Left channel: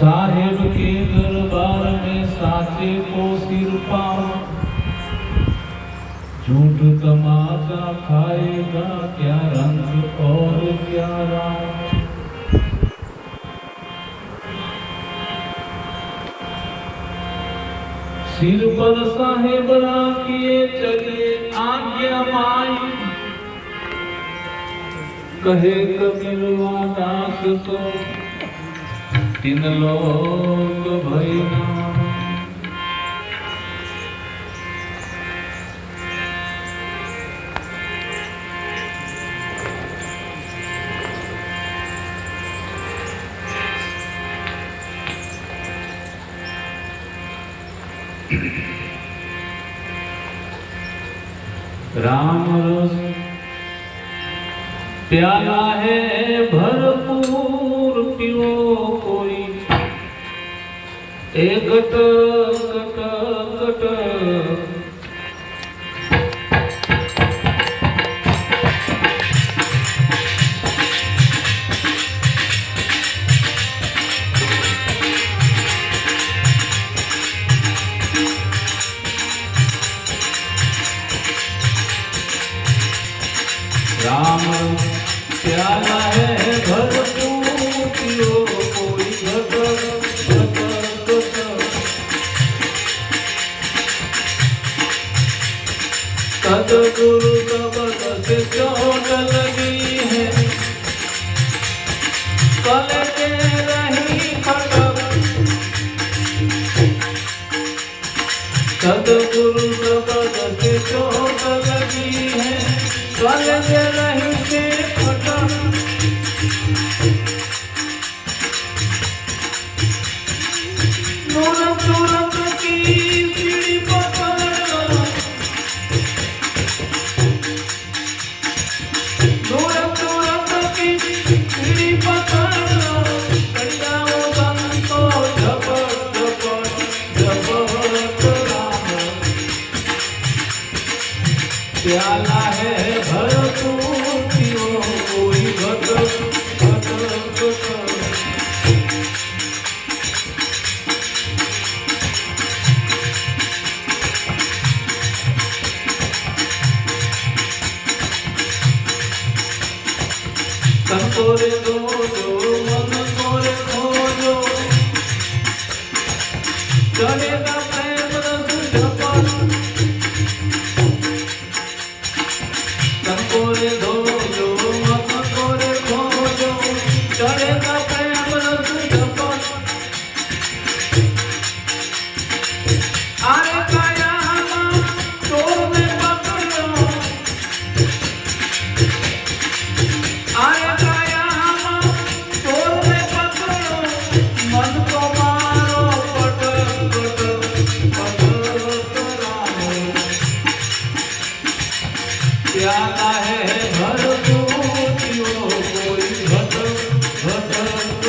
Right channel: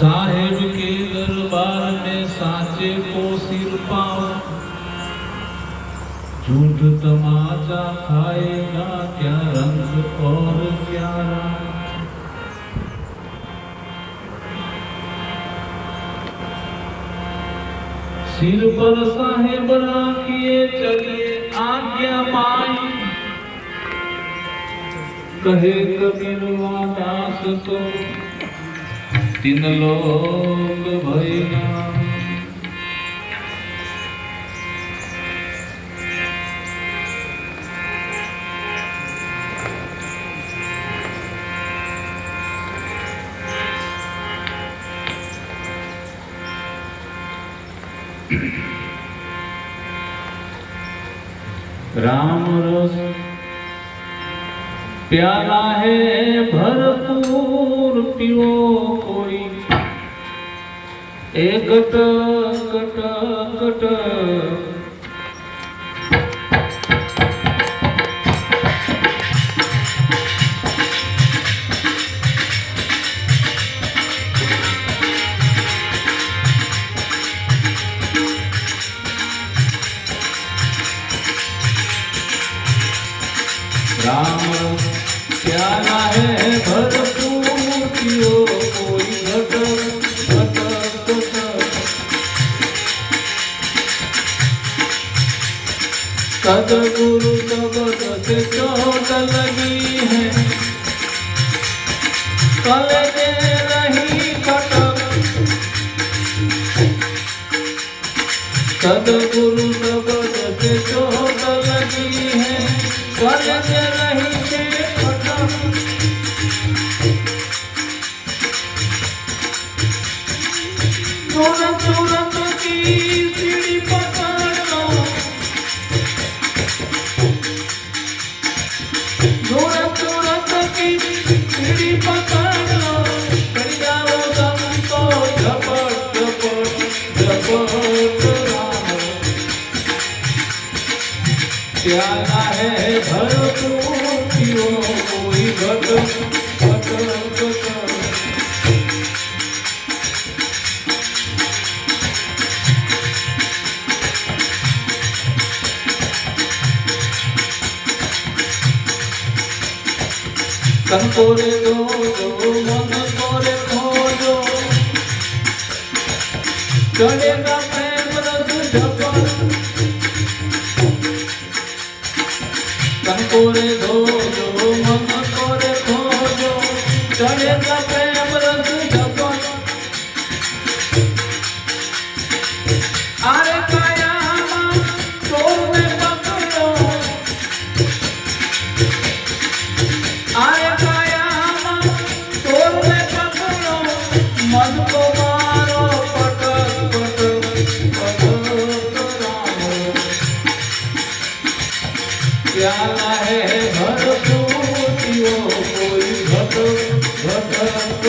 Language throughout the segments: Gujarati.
साहेब के दरबार में साचे को सिर पाओ, झूठ तमाचा खाएगा क्या रंग और क्या राम। सिर पर साहेब राखिए चले आज्ञा माई, कहे कबीरवा दास तो तीन लोग भैया। राम रस प्याला है भरपूर पियो कोई, एक कट कट राम प्याला है भरपूर पियो कोई, घट घट घट। सदगुरु शब्द से चोट लगी है, करने नहीं पट। सदगुरु शब्द से चोट लगी है, करने नहीं से पट। तुरंत तुरंत की सीढ़ी पकड़ो, तुरंत तुरंत की सीढ़ी पकड़ो, चढ़ जाओ संतो झपट झपट झपट राम। प्याला है भरपूर पियो कोई, घट घट घट। कंकोरे दो मन कोरे खोजो, चढ़ेगा प्रेम रस झपट। कंकोरे दो मन कोरे खोजो, चढ़ेगा प्रेम रस झपट। अरे काया तोड़ने पकड़ो, अरे काया तोड़ने पकड़ो, मन को मारो पट पट पट राम। प्याला है भरपूर पियो कोई, घट घट घट।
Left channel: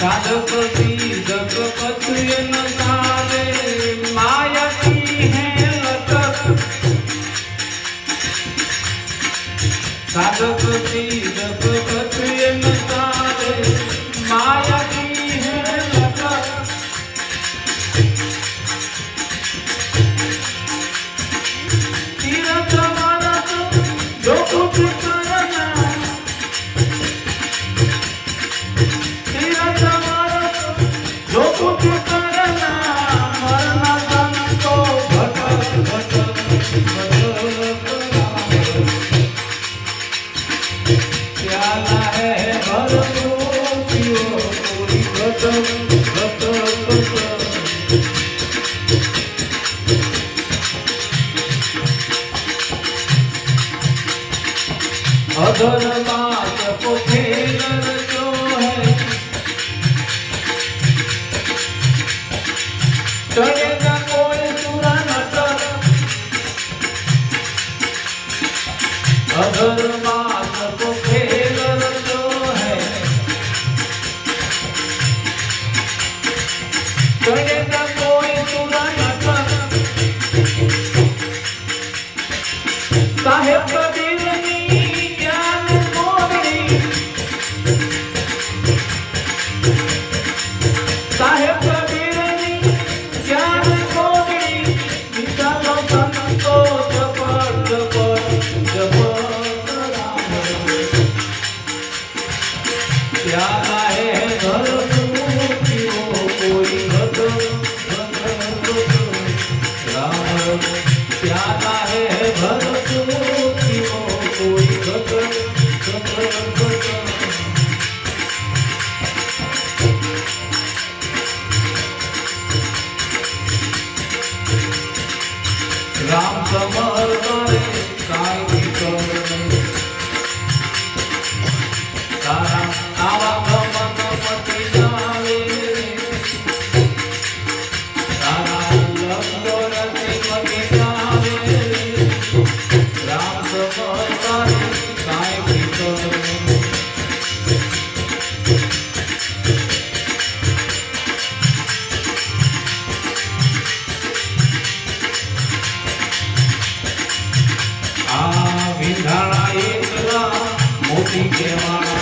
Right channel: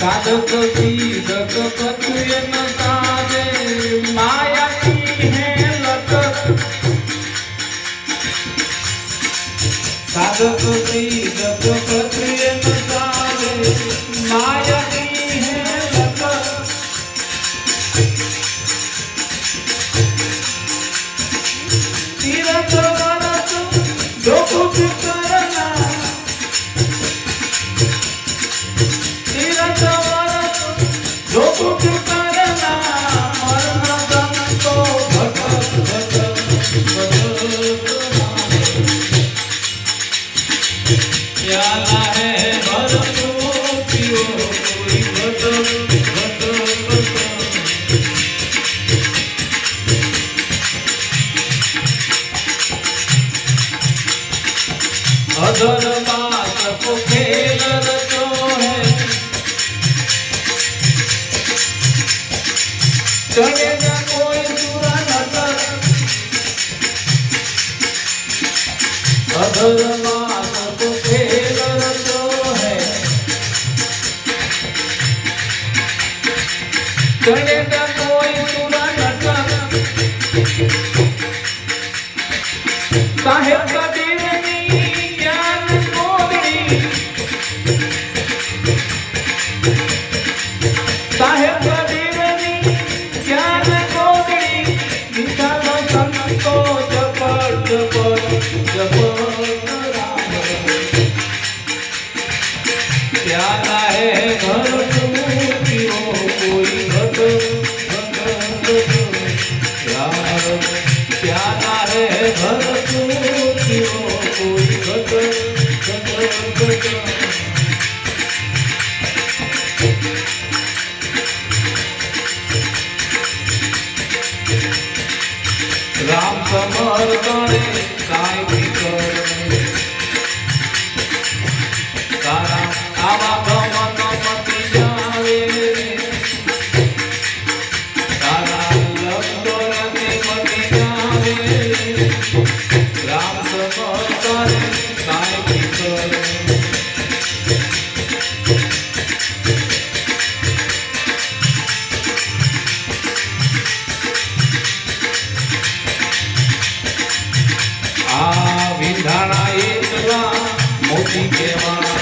साधक सीधक पत्रियन सारे, माया की है लटक। साधक सीधक पत्रियन सारे, माया की है लटक। तीरथ बरस जो कुछ करना, तीरथ बरस जो कुछ करना, मरना संतो घट घट घट राम। प्याला है भरपूर पियो कोई, घट घट घट। अधर बात को खेल रचो है, करेगा कोई सुरा नटर। अधर बात को खेल रचो है, करेगा कोई सुरा नटर। સાહેબ કબીરની જ્ઞાન મોગડી સાહેબ કબીરની જ્ઞાન મોગડી નિકાલો સંતો જપડ प्यारा है घर सूखियो कोई घट प्यारा है घर सूखियो कोई घट राम कमल करे काय की करे तारा आवा भवन मति जावे तारा लंडोलते मति जावे राम कमल करे काय की करे विंधाना एकला मोती के वाला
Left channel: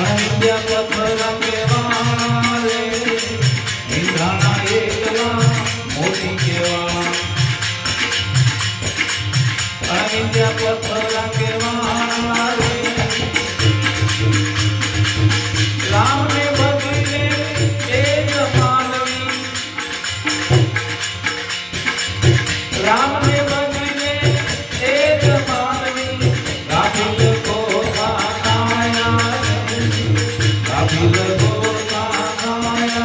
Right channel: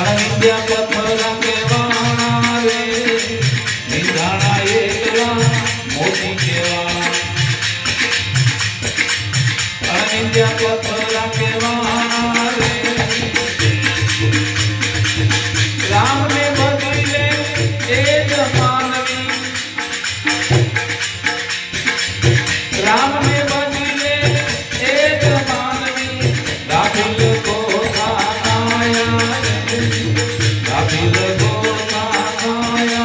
अनंत्य पत्थर के वाला रे विंधाना एकला मोती के वाला अनंत्य पत्थर के वाला रे राम ने बदले एक मानवी राम ने बदले एक मानवी राभिल को गाया राभिल को गाया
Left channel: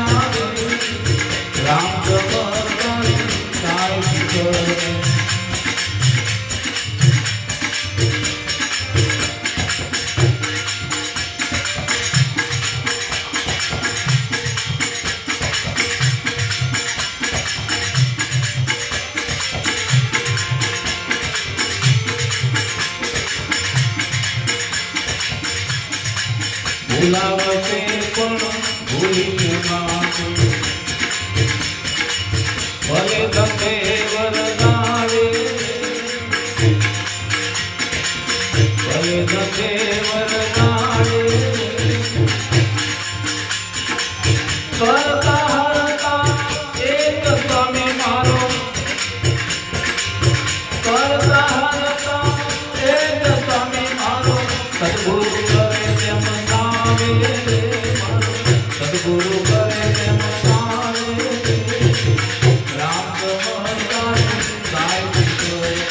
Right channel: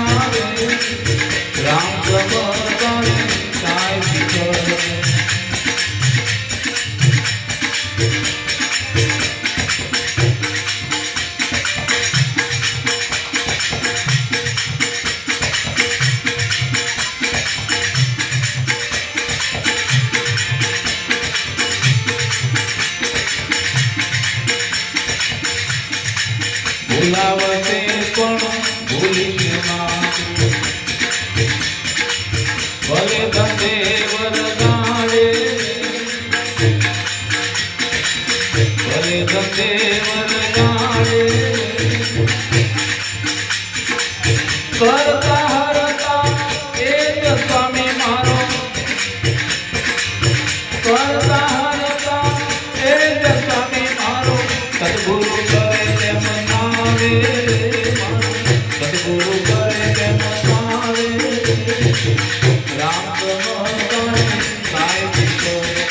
राम कमल काय करे भूलावते पण भूली माती भले धंधे वरदाड़े भले धंधे वरदाड़े करता हरता एक स्वामी मारो करता हरता एक स्वामी मारो सद्गुरु करे तेम सद्गुरु करे तेम राम कमल काय करे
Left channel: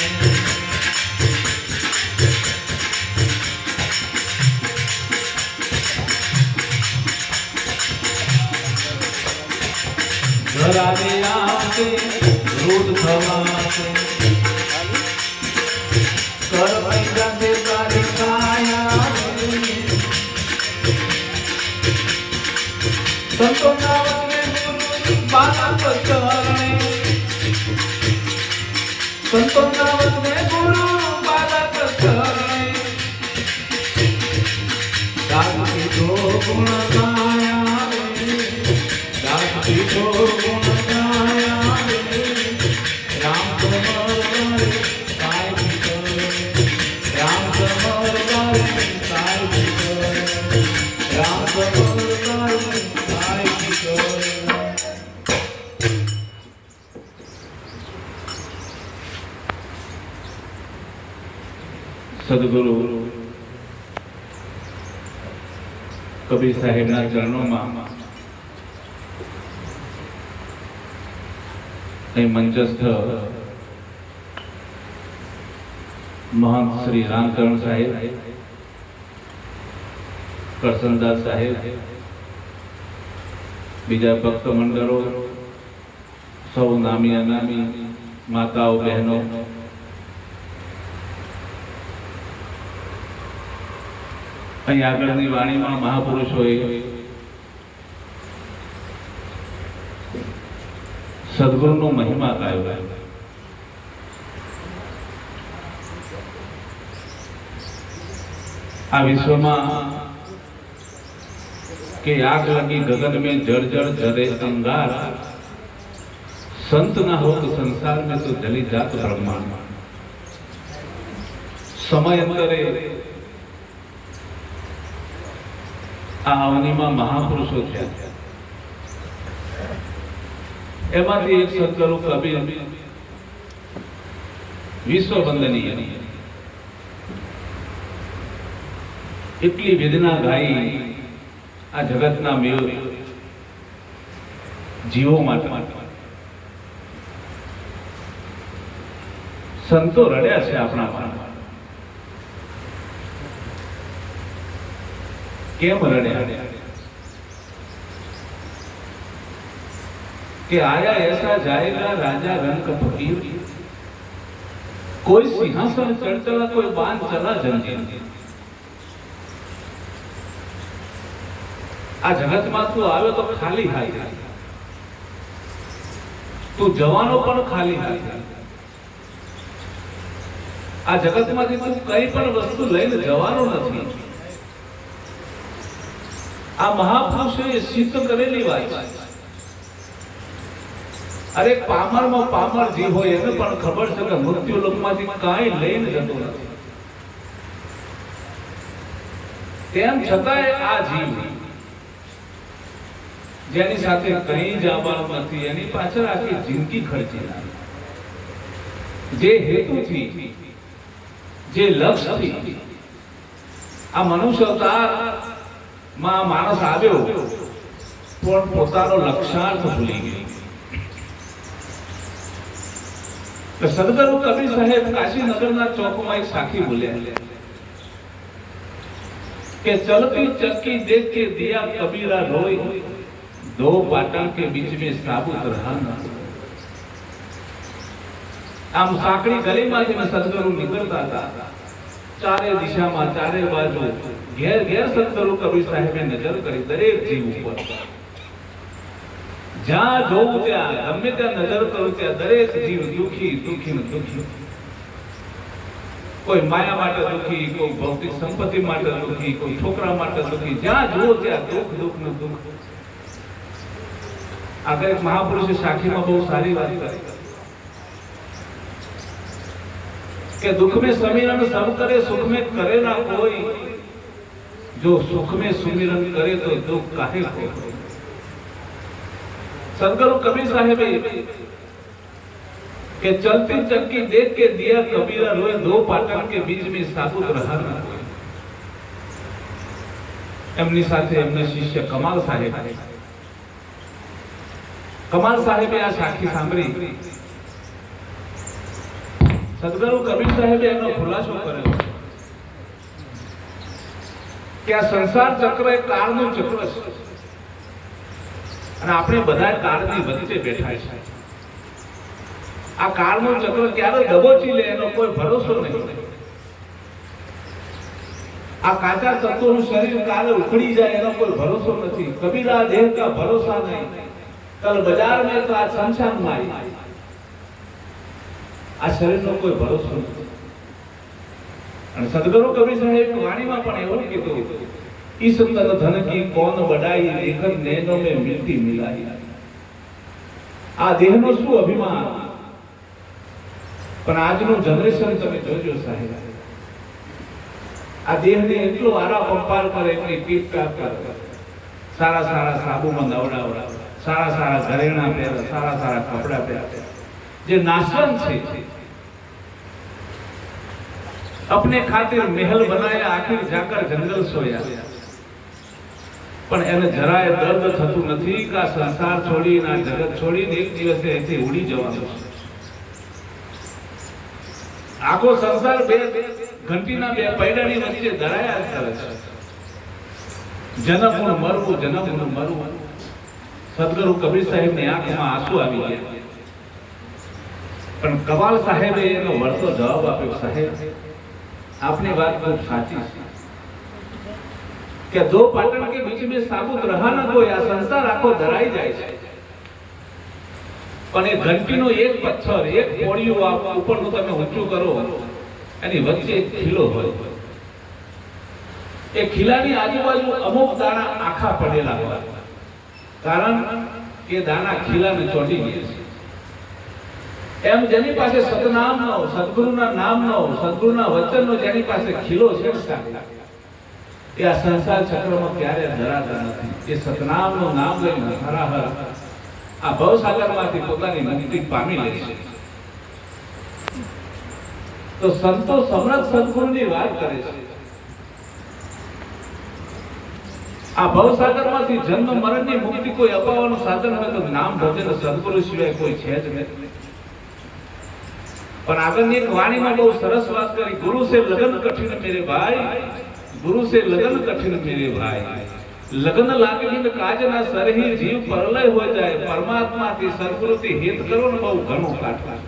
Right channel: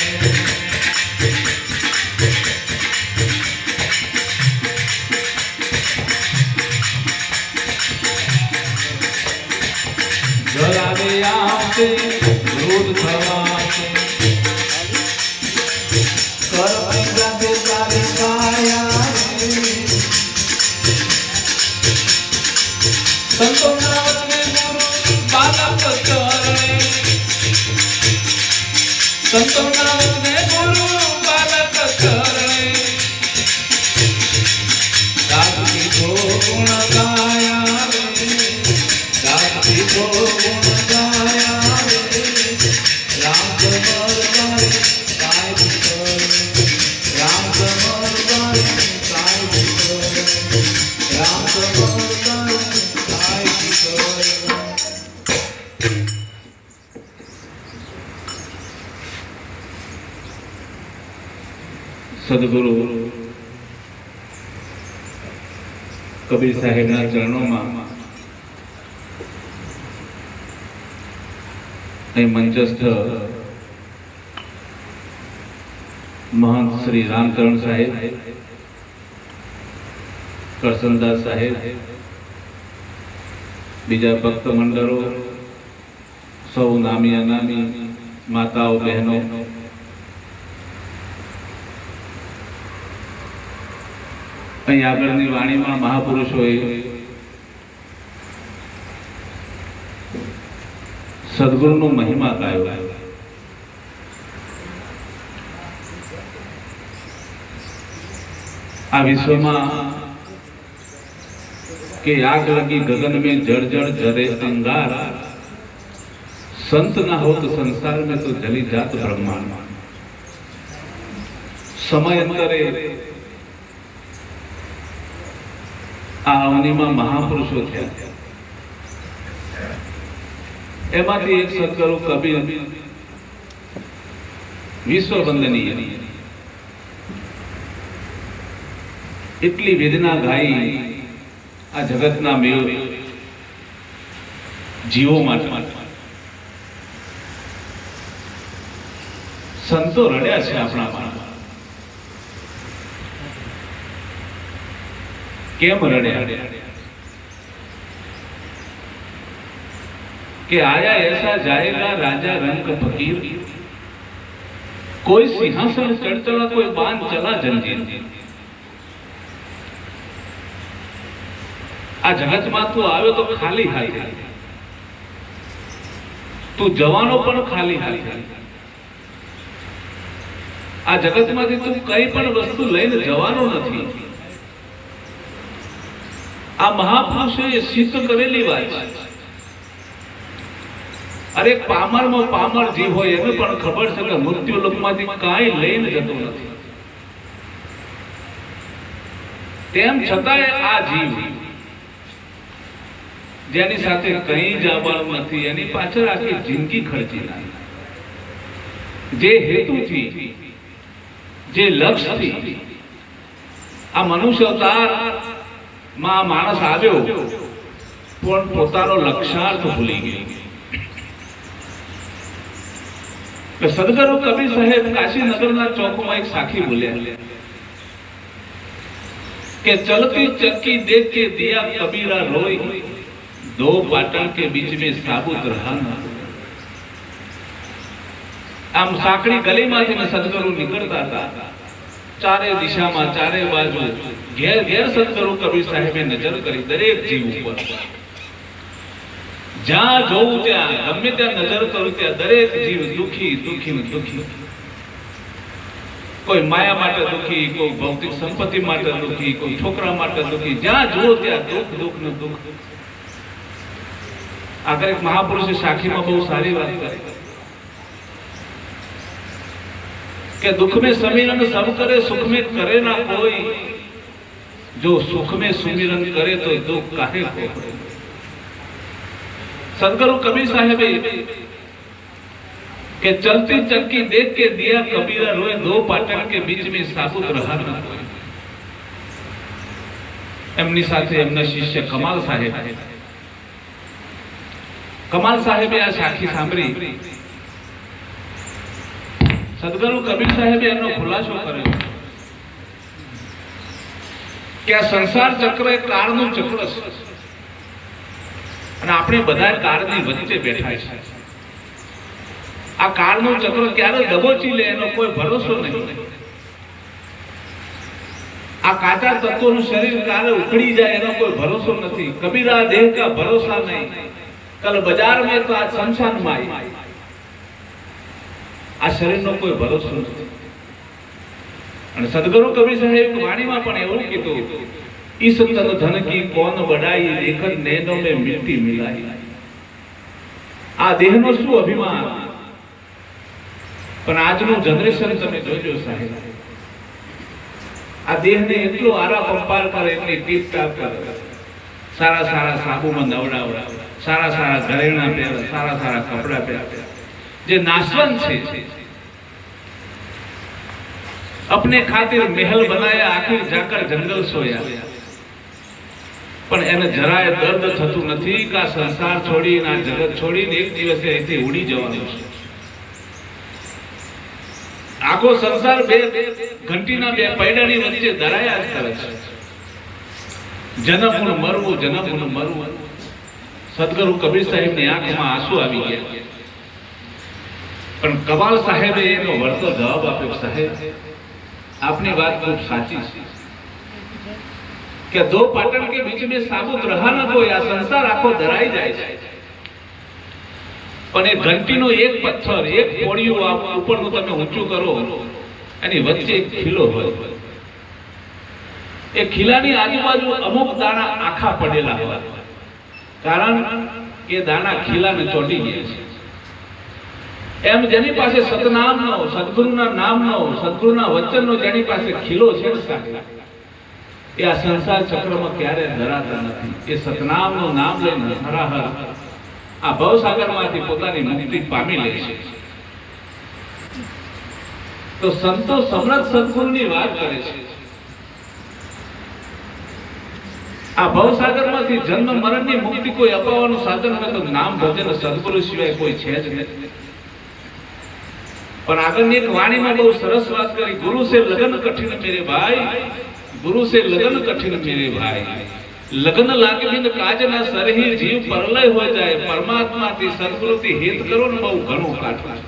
जरा रे आते रूढ़ थवाते कर पैसा के सारी काया संतो नावने गुरु बालक करे संतो नावने गुरु बालक करे दाद की दो गुण गाया दाद की दो गुण गाया राम कमल करे काय करे राम कमल करे काय करे राम कमल करे काय करे सद्गुरु कबीर साहेबના ચરણોમાં અહીં મંચસ્થ महंत श्री रामचरण साहेब करसनदास साहेब बीजा भक्त मंडलों सौ नामी अनामी माताओं बहनों અહીં આગળની વાણીમાં મહાપુરુષોએ સદગુરુનો મહિમા ગાયો. આ વિશ્વમાં કે આગ લગી ગगन में जड़ जड़ जरे अंगार संत ना हो तो संसार में तो जली जात ब्रह्मांड। समय अंतरे आ अवनीમાં મહાપુરુષો થયા, એમાંથી એક સદગુરુ કબીર વિશ્વ વંદનીય, એટલી વેદના ગાઈ આ જગતના મેળ જીવો માટે। સંતો રડ્યા છે આપણા માટે, કેમ રડ્યા? कि आया ऐसा जाएगा राजा रंग फकीर, कोई सिंहासन चढ़ चला, कोई बांध चला जंजीर। आ जगत में तू आवे तो खाली हाथे, तू जवानो पण खाली हाथे। आ जगत में तू कई पण वस्तु लईने जवानो नथी। आ महापुरुषे सिद्ध करेली वात छे। अरे पामर में पामर जीव होय एने पण खबर छे के मृत्यु लोकमांथी काई लईने जतो नथी, तेम छतांय आ जीव जेनी साथे कई जवानुं नथी, एनी पाछळ आखी जिंदगी खर्ची नाखी। जे हेतुथी, जे लक्ष्यथी आ मनुष्य अवतार मां माणस आव्यो पण पोतानो लक्ष्यार्थ भूली गयो। सदगुरु कबीर साहेब काशी नगर चौक में एक साखी बोलिया कि चलती चक्की देख के दिया कबीरा रोई, दो पाटन के बीच में साबुत रहा न। आम साकड़ी गली में सदगुरु निकलता था, चारे दिशा में चारे बाजू घेर घेर सदगुरु कबीर साहेबे नजर करी दरेक जीव पर। જ્યાં જોઉં ત્યાં ગમે ત્યાં નજર કરું ત્યાં દરેક જીવ દુખી દુખી ને દુખી। કોઈ માયા માટે દુખી, કોઈ ભૌતિક સંપત્તિ માટે દુખી, કોઈ છોકરા માટે દુખી। જ્યાં જુઓ ત્યાં દુઃખ દુઃખ ને દુઃખ। આગળ એક મહાપુરુષે સાખીમાં બહુ સારી વાત કરી કે दुख में समीरण सब करे, सुख में करे ना कोई। जो सुख में सुमिरन करे तो दुख काहे को। सदगुरु कबीर साहेब के चलती चक्की देख के दिया कबीरा रोए, दो पाटन के बीच में साबुत रहा न कोई। एमनी साथे एमना शिष्य कमाल साहेब आ साखी सांभળી। सदगुरु कबीर साहेबे एनो खुलासो कर्यो कि आ संसार चक्र एक काळનું चक्र છે અને આપણે બધા કાળની વચ્ચે બેઠા છે। આ કાળનું ચક્ર ક્યારે દબોચી લે એનો કોઈ ભરોસો નહીં। આ કાચા તત્વોનું શરીર ક્યારે ઉખડી જાય એનો કોઈ ભરોસો નથી। કબીરા દેહ કા ભરોસા નહીં, કલ બજાર में तो आज शमशान माई। આ શરીરનો કોઈ ભરોસો નથી। અને સદગુરુ કબીર સાહેબ વાણીમાં પણ એવું કીધું, इस तन धन की कौन बढ़ाई, लेखन नैनो में मिट्टी मिलाई। आ देहनो शू अभिमान, पण आजनु जनरेशन तमे जोजो साहेब, आ देहने એટલો આરા પંપાર કરે, એટલી ટીપ ટાપ કરે, સારા સારા સાબુમાં નવડાવડા, સારા સારા ઘરેણા પહેરે, સારા સારા કપડા પહેરે। જે નાશવંત છે, अपने खातिर महल बनाया, आखिर जाकर जंगल सोया। पण એને જરાય દર્દ થતું નથી કે આ સંસાર છોડીને, આ જગત છોડીને એક દિવસે અહીંથી ઉડી જવાનું છે। આખો સંસાર બે ઘંટીના બે પૈડાની વચ્ચે ધરાયા જ કરે છે। જન્મનું મરવું, જન્મનું મરવું। સદગુરુ કબીર સાહેબની આંખમાં આંસુ આવી ગયા। પણ કમાલ સાહેબે એનો વળતો જવાબ આપ્યો, સાહેબ આપની વાત ખૂબ સાચી છે કે दो पाटन के बीच में साबुत रहा न कोई। आ संसार आखो धराई जाए छे, पण ए घंटीनो एक पत्थर, एक पोड़िયું आप ઉપરનું તમે ઊંચું કરો, એની વચ્ચે એક ખીલો હોય। એ ખીલાની આજુબાજુ અમુક દાણા આખા પડેલા હોય, કારણ કે દાણા ખીલાને ચોંટી ગયા છે। એમ જેની પાસે સતનામનો, સદગુરુના નામનો, સદગુરુના વચનનો જેની પાસે ખીલો છે ને સાહેબ, એ આ સંસાર ચક્રમાં ક્યારે ધરાતા નથી. એ સતનામનું નામ લઈને હરાહર આ ભવસાગરમાંથી પોતાની મુક્તિ પામી લે છે. તો સંતો સમર્થ સદગુરુની વાત કરે છે. આ ભવસાગરમાંથી જન્મ મરણની મુક્તિ કોઈ અપાવવાનું સાધન હોય તો નામ ભજન સદગુરુ સિવાય કોઈ છે જ નહીં. પણ આગળની વાણીમાં બહુ સરસ વાત કરી, ગુરુ સે લગન કઠિન મેરે ભાઈ, ગુરુ સે લગન કઠિન મેરે ભાઈ. લગ્ન લાગી ને કાજ ના સરહી જીવ પરલય હો જાય, પરમાત્માથી સદગુરુથી હિત કરો ને બહુ ઘણું કાઠું.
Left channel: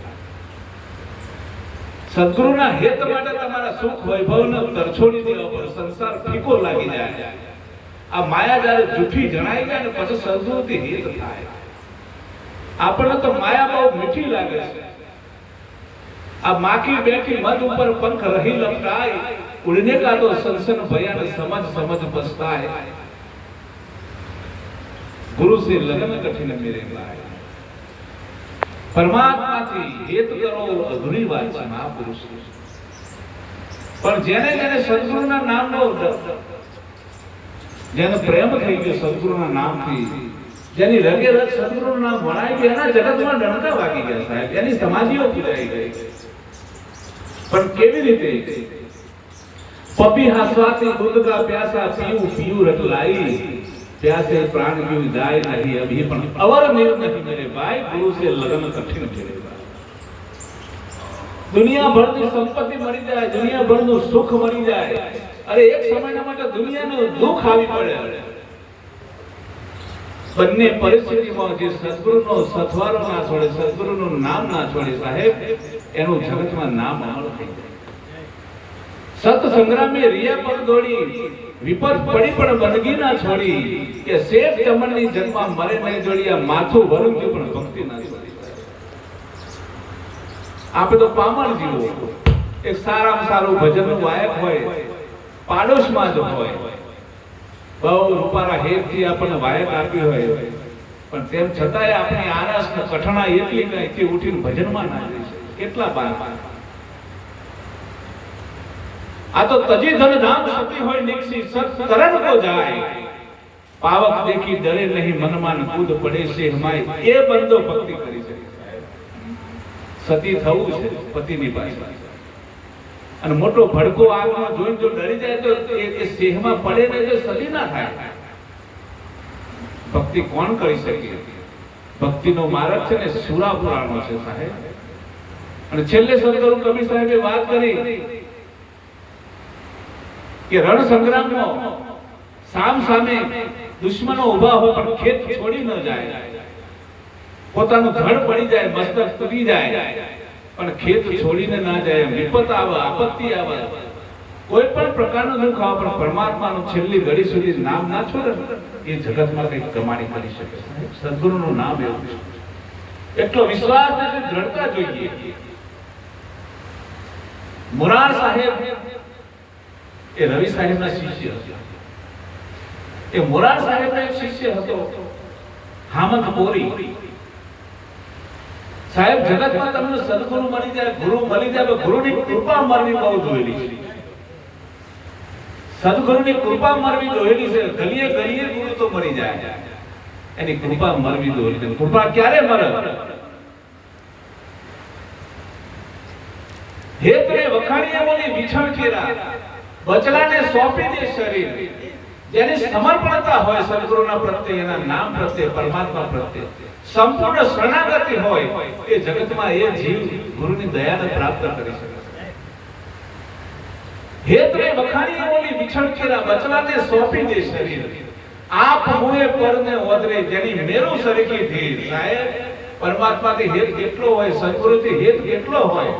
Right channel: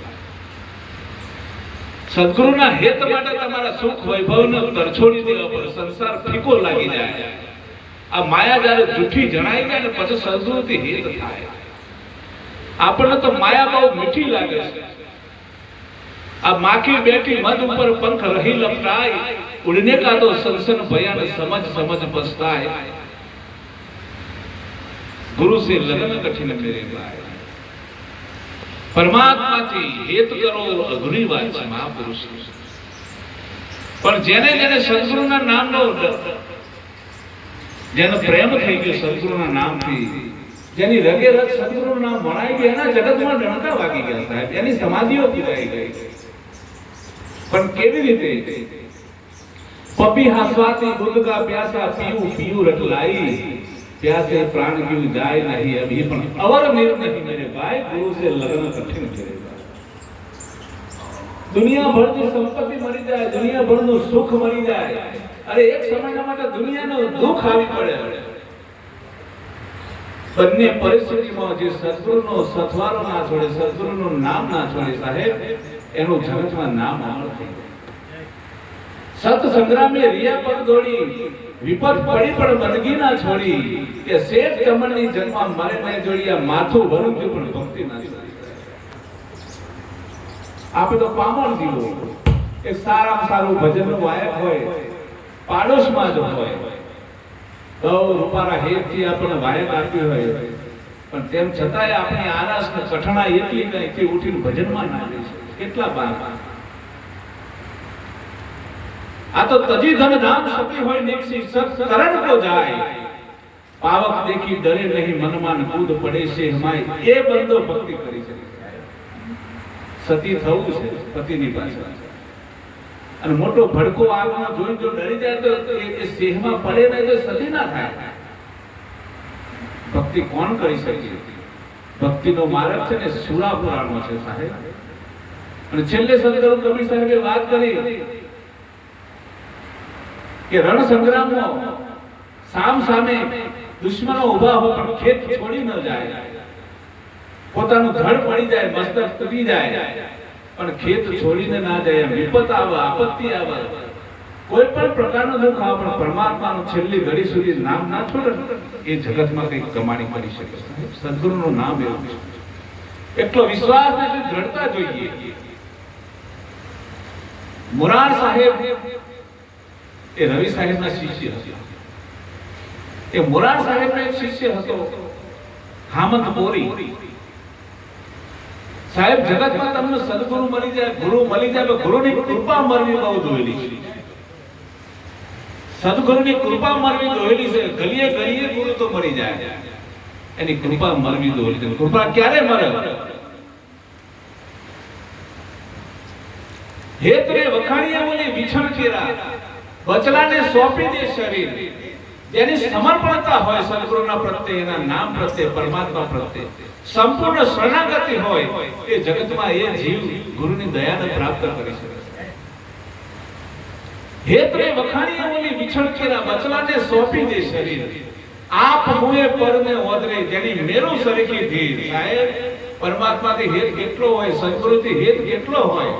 સદગુરુના હિત માટે તમારા સુખ વૈભવને તરછોડી દેવા પર સંસાર ફીકો લાગી જાય. આ માયા જ્યારે જૂઠી જણાઈ જાય ને પછી સદગુરુથી હિત થાય. આપણને તો માયા બહુ મીઠી લાગે છે. આ માખી બેઠી મધ ઉપર પંખ રહી લપટાય, ઉડને કા તો સંસન ભયાને સમજ સમજ પસ્તાય. ગુરુ સે લગન કઠિન મેરે ભાઈ. પરમાત્માથી હેત કરો અઘરી વાત છે મહાપુરુષ. પણ જેને જેને સદગુરુના નામનો, જેનો પ્રેમ થઈ ગયો સદગુરુના નામથી, જેની રગે રગ સદગુરુનું નામ ભણાઈ ગયું, એના જગતમાં ડણકા વાગી ગયા સાહેબ. એની સમાધિઓ પુરાઈ ગઈ. પણ કેવી રીતે? પપી હાસવાથી દૂધ કા પ્યાસા પીવું પીવું રટલાઈ, प्यासे प्राण क्यों जाए नहीं अभी पण अवर निर् नहीं मेरे भाई, गुरु से लगन कठिन मेरे भाई. दुनिया भर की संपत्ति मरी जाए, दुनिया भर નું સુખ મરી જાય, અરે એક સમયના માટે દુનિયાનું દુઃખ આવી પડે. બંને પરિસ્થિતિમાં જે સદગુરુનો સથવારો ના છોડે, સદગુરુનું નામ ના છોડે સાહેબ, એનું જગતમાં નામ અમર થઈ જાય. સત સંગ્રામે રિયા પર દોડી, વિપત પડી પણ બંદગી ના છોડી, કે શેઠ ચમનની જન્મા મરે નહીં જોડિયા, માથું ભરું છું પણ ભક્તિ ના છોડી. આપણે તો પામર જીવો, એક સારામાં સારું ભજનનું વાયક હોય, પાડોશમાં જ હોય, બહુ રૂપારા હેતથી આપણને વાયક આપ્યું હોય, પણ તેમ છતાંય આપણી આરસ ને કઠણા એટલી કઈ ઉઠીને ભજનમાં ના જઈ શકે. કેટલા બાર આ તો તજી ધન ધામ સતી હોય નીકસી તરત કો જાય, પાવક દેખી ડરે નહીં મનમાં કૂદ પડે છે હમાય, એ બંદો ભક્તિ કરી શકે. સતી થવું છે પતિની પાસે, અને મોટો ભડકો આગમાં જોઈ જો ડરી જાય તો એ સેહમાં પડે ને જો સતી ના થાય. ભક્તિ કોણ કરી શકે? ભક્તિનો માર્ગ છે ને સુરા પુરાણો છે સાહેબ. અને છેલ્લે સદગુરુ કબીર સાહેબે વાત કરી કે રણ સંગ્રામમાં સામ સામે દુશ્મનો ઉભા હોય પણ ખેત છોડી ન જાય, પોતાનું ધડ પડી જાય, મસ્તક તૂટી જાય, પણ ખેત છોડીને ના જાય. વિપત આવે, આપત્તિ આવે, કોઈ પણ પ્રકારનું દુઃખ આવે, પણ પરમાત્માનું છેલ્લી ઘડી સુધી નામ ના છોડે, એ જગતમાં કંઈક કમાણી કરી શકે. સદગુરુનું નામ એવું છે. એટલો વિશ્વાસ ને દ્રઢતા જોઈએ. મોરાર સાહેબ એ રવિ સાહેબના શિષ્ય હતા. એ મોરાર સાહેબનો એક શિષ્ય હતો હામદ બોરી સાહેબ. જગતમાં તમને સદગુરુ મળી જાય, ગુરુ મળી જાય, ગુરુની કૃપા મળવી બહુ જોયેલી છે. સદગુરુની કૃપા મળવી જોયેલી છે. ગલીએ ગલીએ ગુરુ તો મળી જાય, એની કૃપા મળવી જોયેલી છે. કૃપા ક્યારે મળે? હેતરે વખાણીએ બોલી વિછણ કેરા, બચલાને સોંપી દે શરીર. જેની સમર્પણતા હોય સદગુરુના પ્રત્યે, એના નામ પ્રત્યે, પરમાત્મા પ્રત્યે સંપૂર્ણ શરણાગતિ હોય, એ જગતમાં એ જીવ ગુરુની દયાને પ્રાપ્ત કરી શકે. હેતરે વખાણીએ બોલી વિછણ કેરા, બચલાને સોંપી દે શરીર. આપ મુએ પરને ઓદરે, જેની મેરું સરખી ધીર. સાહેબ પરમાત્માથી હેત કેટલો હોય, સદગુરુથી હેત કેટલો હોય.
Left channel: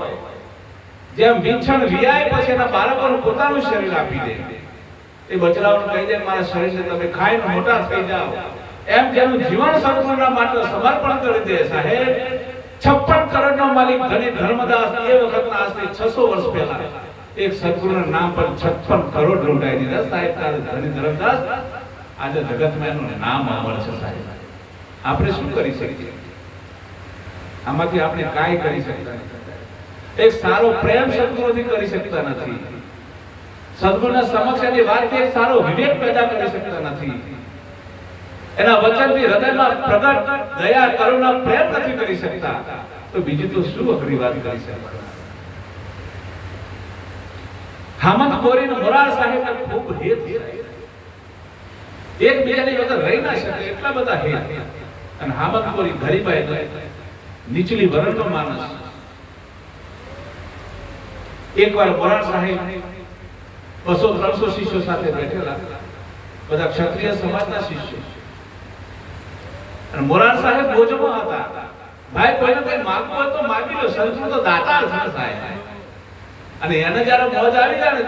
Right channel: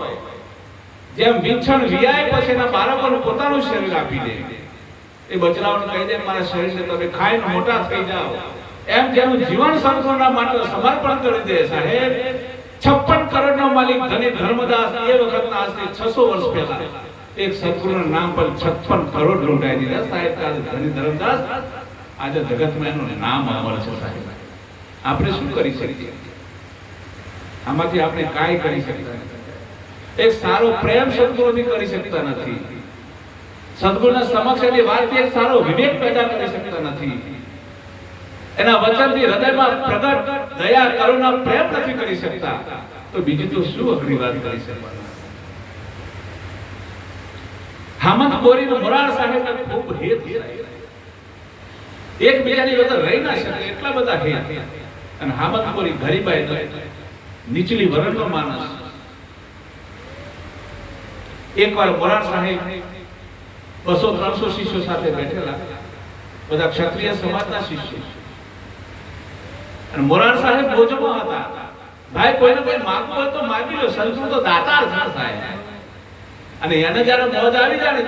જેમ વિછણ વિયાય પછી એના બાળકોને પોતાનું શરીર આપી દે, એ બચરાઓને કહી દે મારા શરીરને તમે ખાઈને મોટા થઈ જાઓ, એમ જેનું જીવન સદગુરુના માટે સમર્પણ કરી દે. સાહેબ 56 કરોડનો માલિક ધની ધર્મદાસ એ વખતના આજથી 600 વર્ષ પહેલા એક સદગુરુના નામ પર 56 કરોડ લૂંટાઈ દીધા. સાહેબ ધની ધર્મદાસ આજે જગતમાં એનું નામ અમર છે. સાહેબ આપણે શું કરી શકીએ? આમાંથી આપણે કાંઈ કરી શકતા નથી. એક સારો પ્રેમ સદગુરુથી કરી શકતા નથી. સદગુરુના સમક્ષ એની વાતથી એક સારો વિવેક પેદા કરી શકતા નથી. એના વચનથી હૃદયમાં પ્રગટ દયા, કરુણા, પ્રેમ નથી કરી શકતા, તો બીજી તો શું અઘરી વાત કરી શકતા. હામદ કોરીનું મોરાર સાહેબને ખૂબ હેત છે. એકબીજાની વગર રહી ના શકે એટલા બધા હેત. અને હામદ કોરી ધરીબાઈ નીચલી વર્ણનો માણસ. એકવાર મોરાર સાહેબ 200-300 શિષ્યો સાથે બેઠેલા, બધા ક્ષત્રિય સમાજના શિષ્યો. અને મોરાર સાહેબ ભોજનમાં હતા. ભાઈ કોઈને કઈ માંગવું હોય તો માંગી લો, સંતો તો દાતાર થાય. અને એને જયારે મોજ આવી જાય ને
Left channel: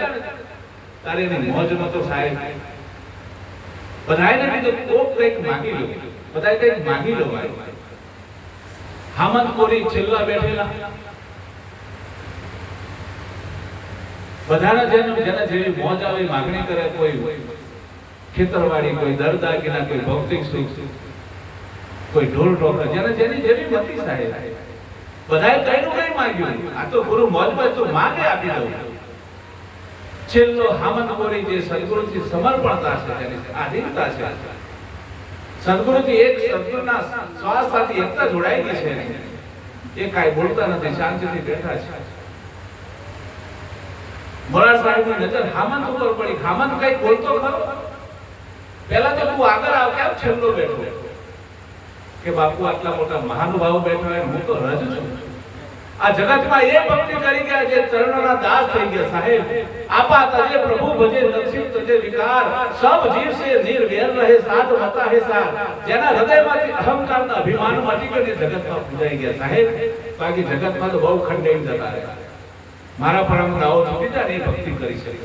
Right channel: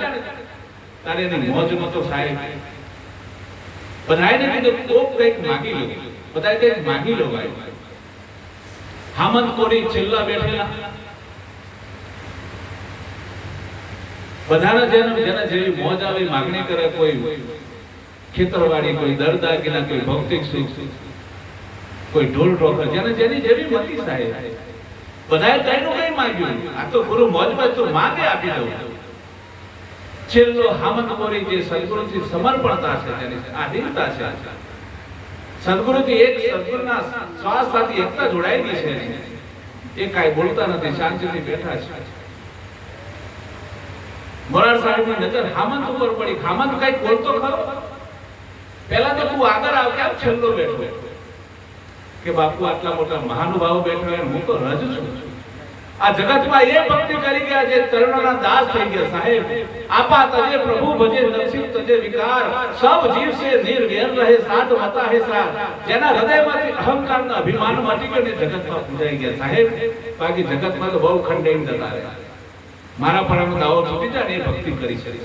ત્યારે એની મોજ નો તો સાહેબ બધાને કીધું કોક કંઈક માંગી લો, બધા કંઈક માંગી લો. ભાઈ હામદ કોરી છેલ્લા બેઠેલા, બધાને જેને જેવી મોજ આવી માંગણી કરે, કોઈ ખેતરવાડી, કોઈ દરદાગીના, કોઈ ભૌતિક સુખ, કોઈ ઢોર ઢોકર, જેની જેવી મતી સાહેબ બધાએ તેનું કઈ માંગ્યું. આ તો ગુરુ મોજમાં તો માંગે આપી દઉં. છેલ્લો હામદ કોરી જે સદગુરુથી સમર્પણતા છે, તેની આધીનતા છે, સદગુરુથી એક સદગુરુના શ્વાસ સાથે એકતા જોડાયેલી છે. એ કાંઈ બોલતા નથી, શાંતિથી બેઠા છે. મોરાર સાહેબની નજર હામદ ઉપર પડી. હામદ કઈ બોલતો ખરો? પહેલા તો તું આગળ આવ, કેમ છેલ્લો બેઠો? કે બાપુ આટલા મોટા મહાનુભાવ બેઠા, હું તો રજ છું. આ જગતમાં એ ભક્તિ કરી ગયા જે ચરણોના દાસ થઈ ગયા. સાહેબ આપા તજે પ્રભુ ભજે, દક્ષિણ તજે વિકાર, સબ જીવ સે નિર્વેર રહે, સાધ મતા હે સાર. જેના હૃદયમાંથી અહંકારના અભિમાન મટી ગયો ને જગતમાં પૂજાઈ ગયા. સાહેબ બાકી જગતમાં તો બહુ ખંડેન જતા રહ્યા. મારા પણ દાવો છૂટી જાય ને એ ભક્તિ કરી શકે.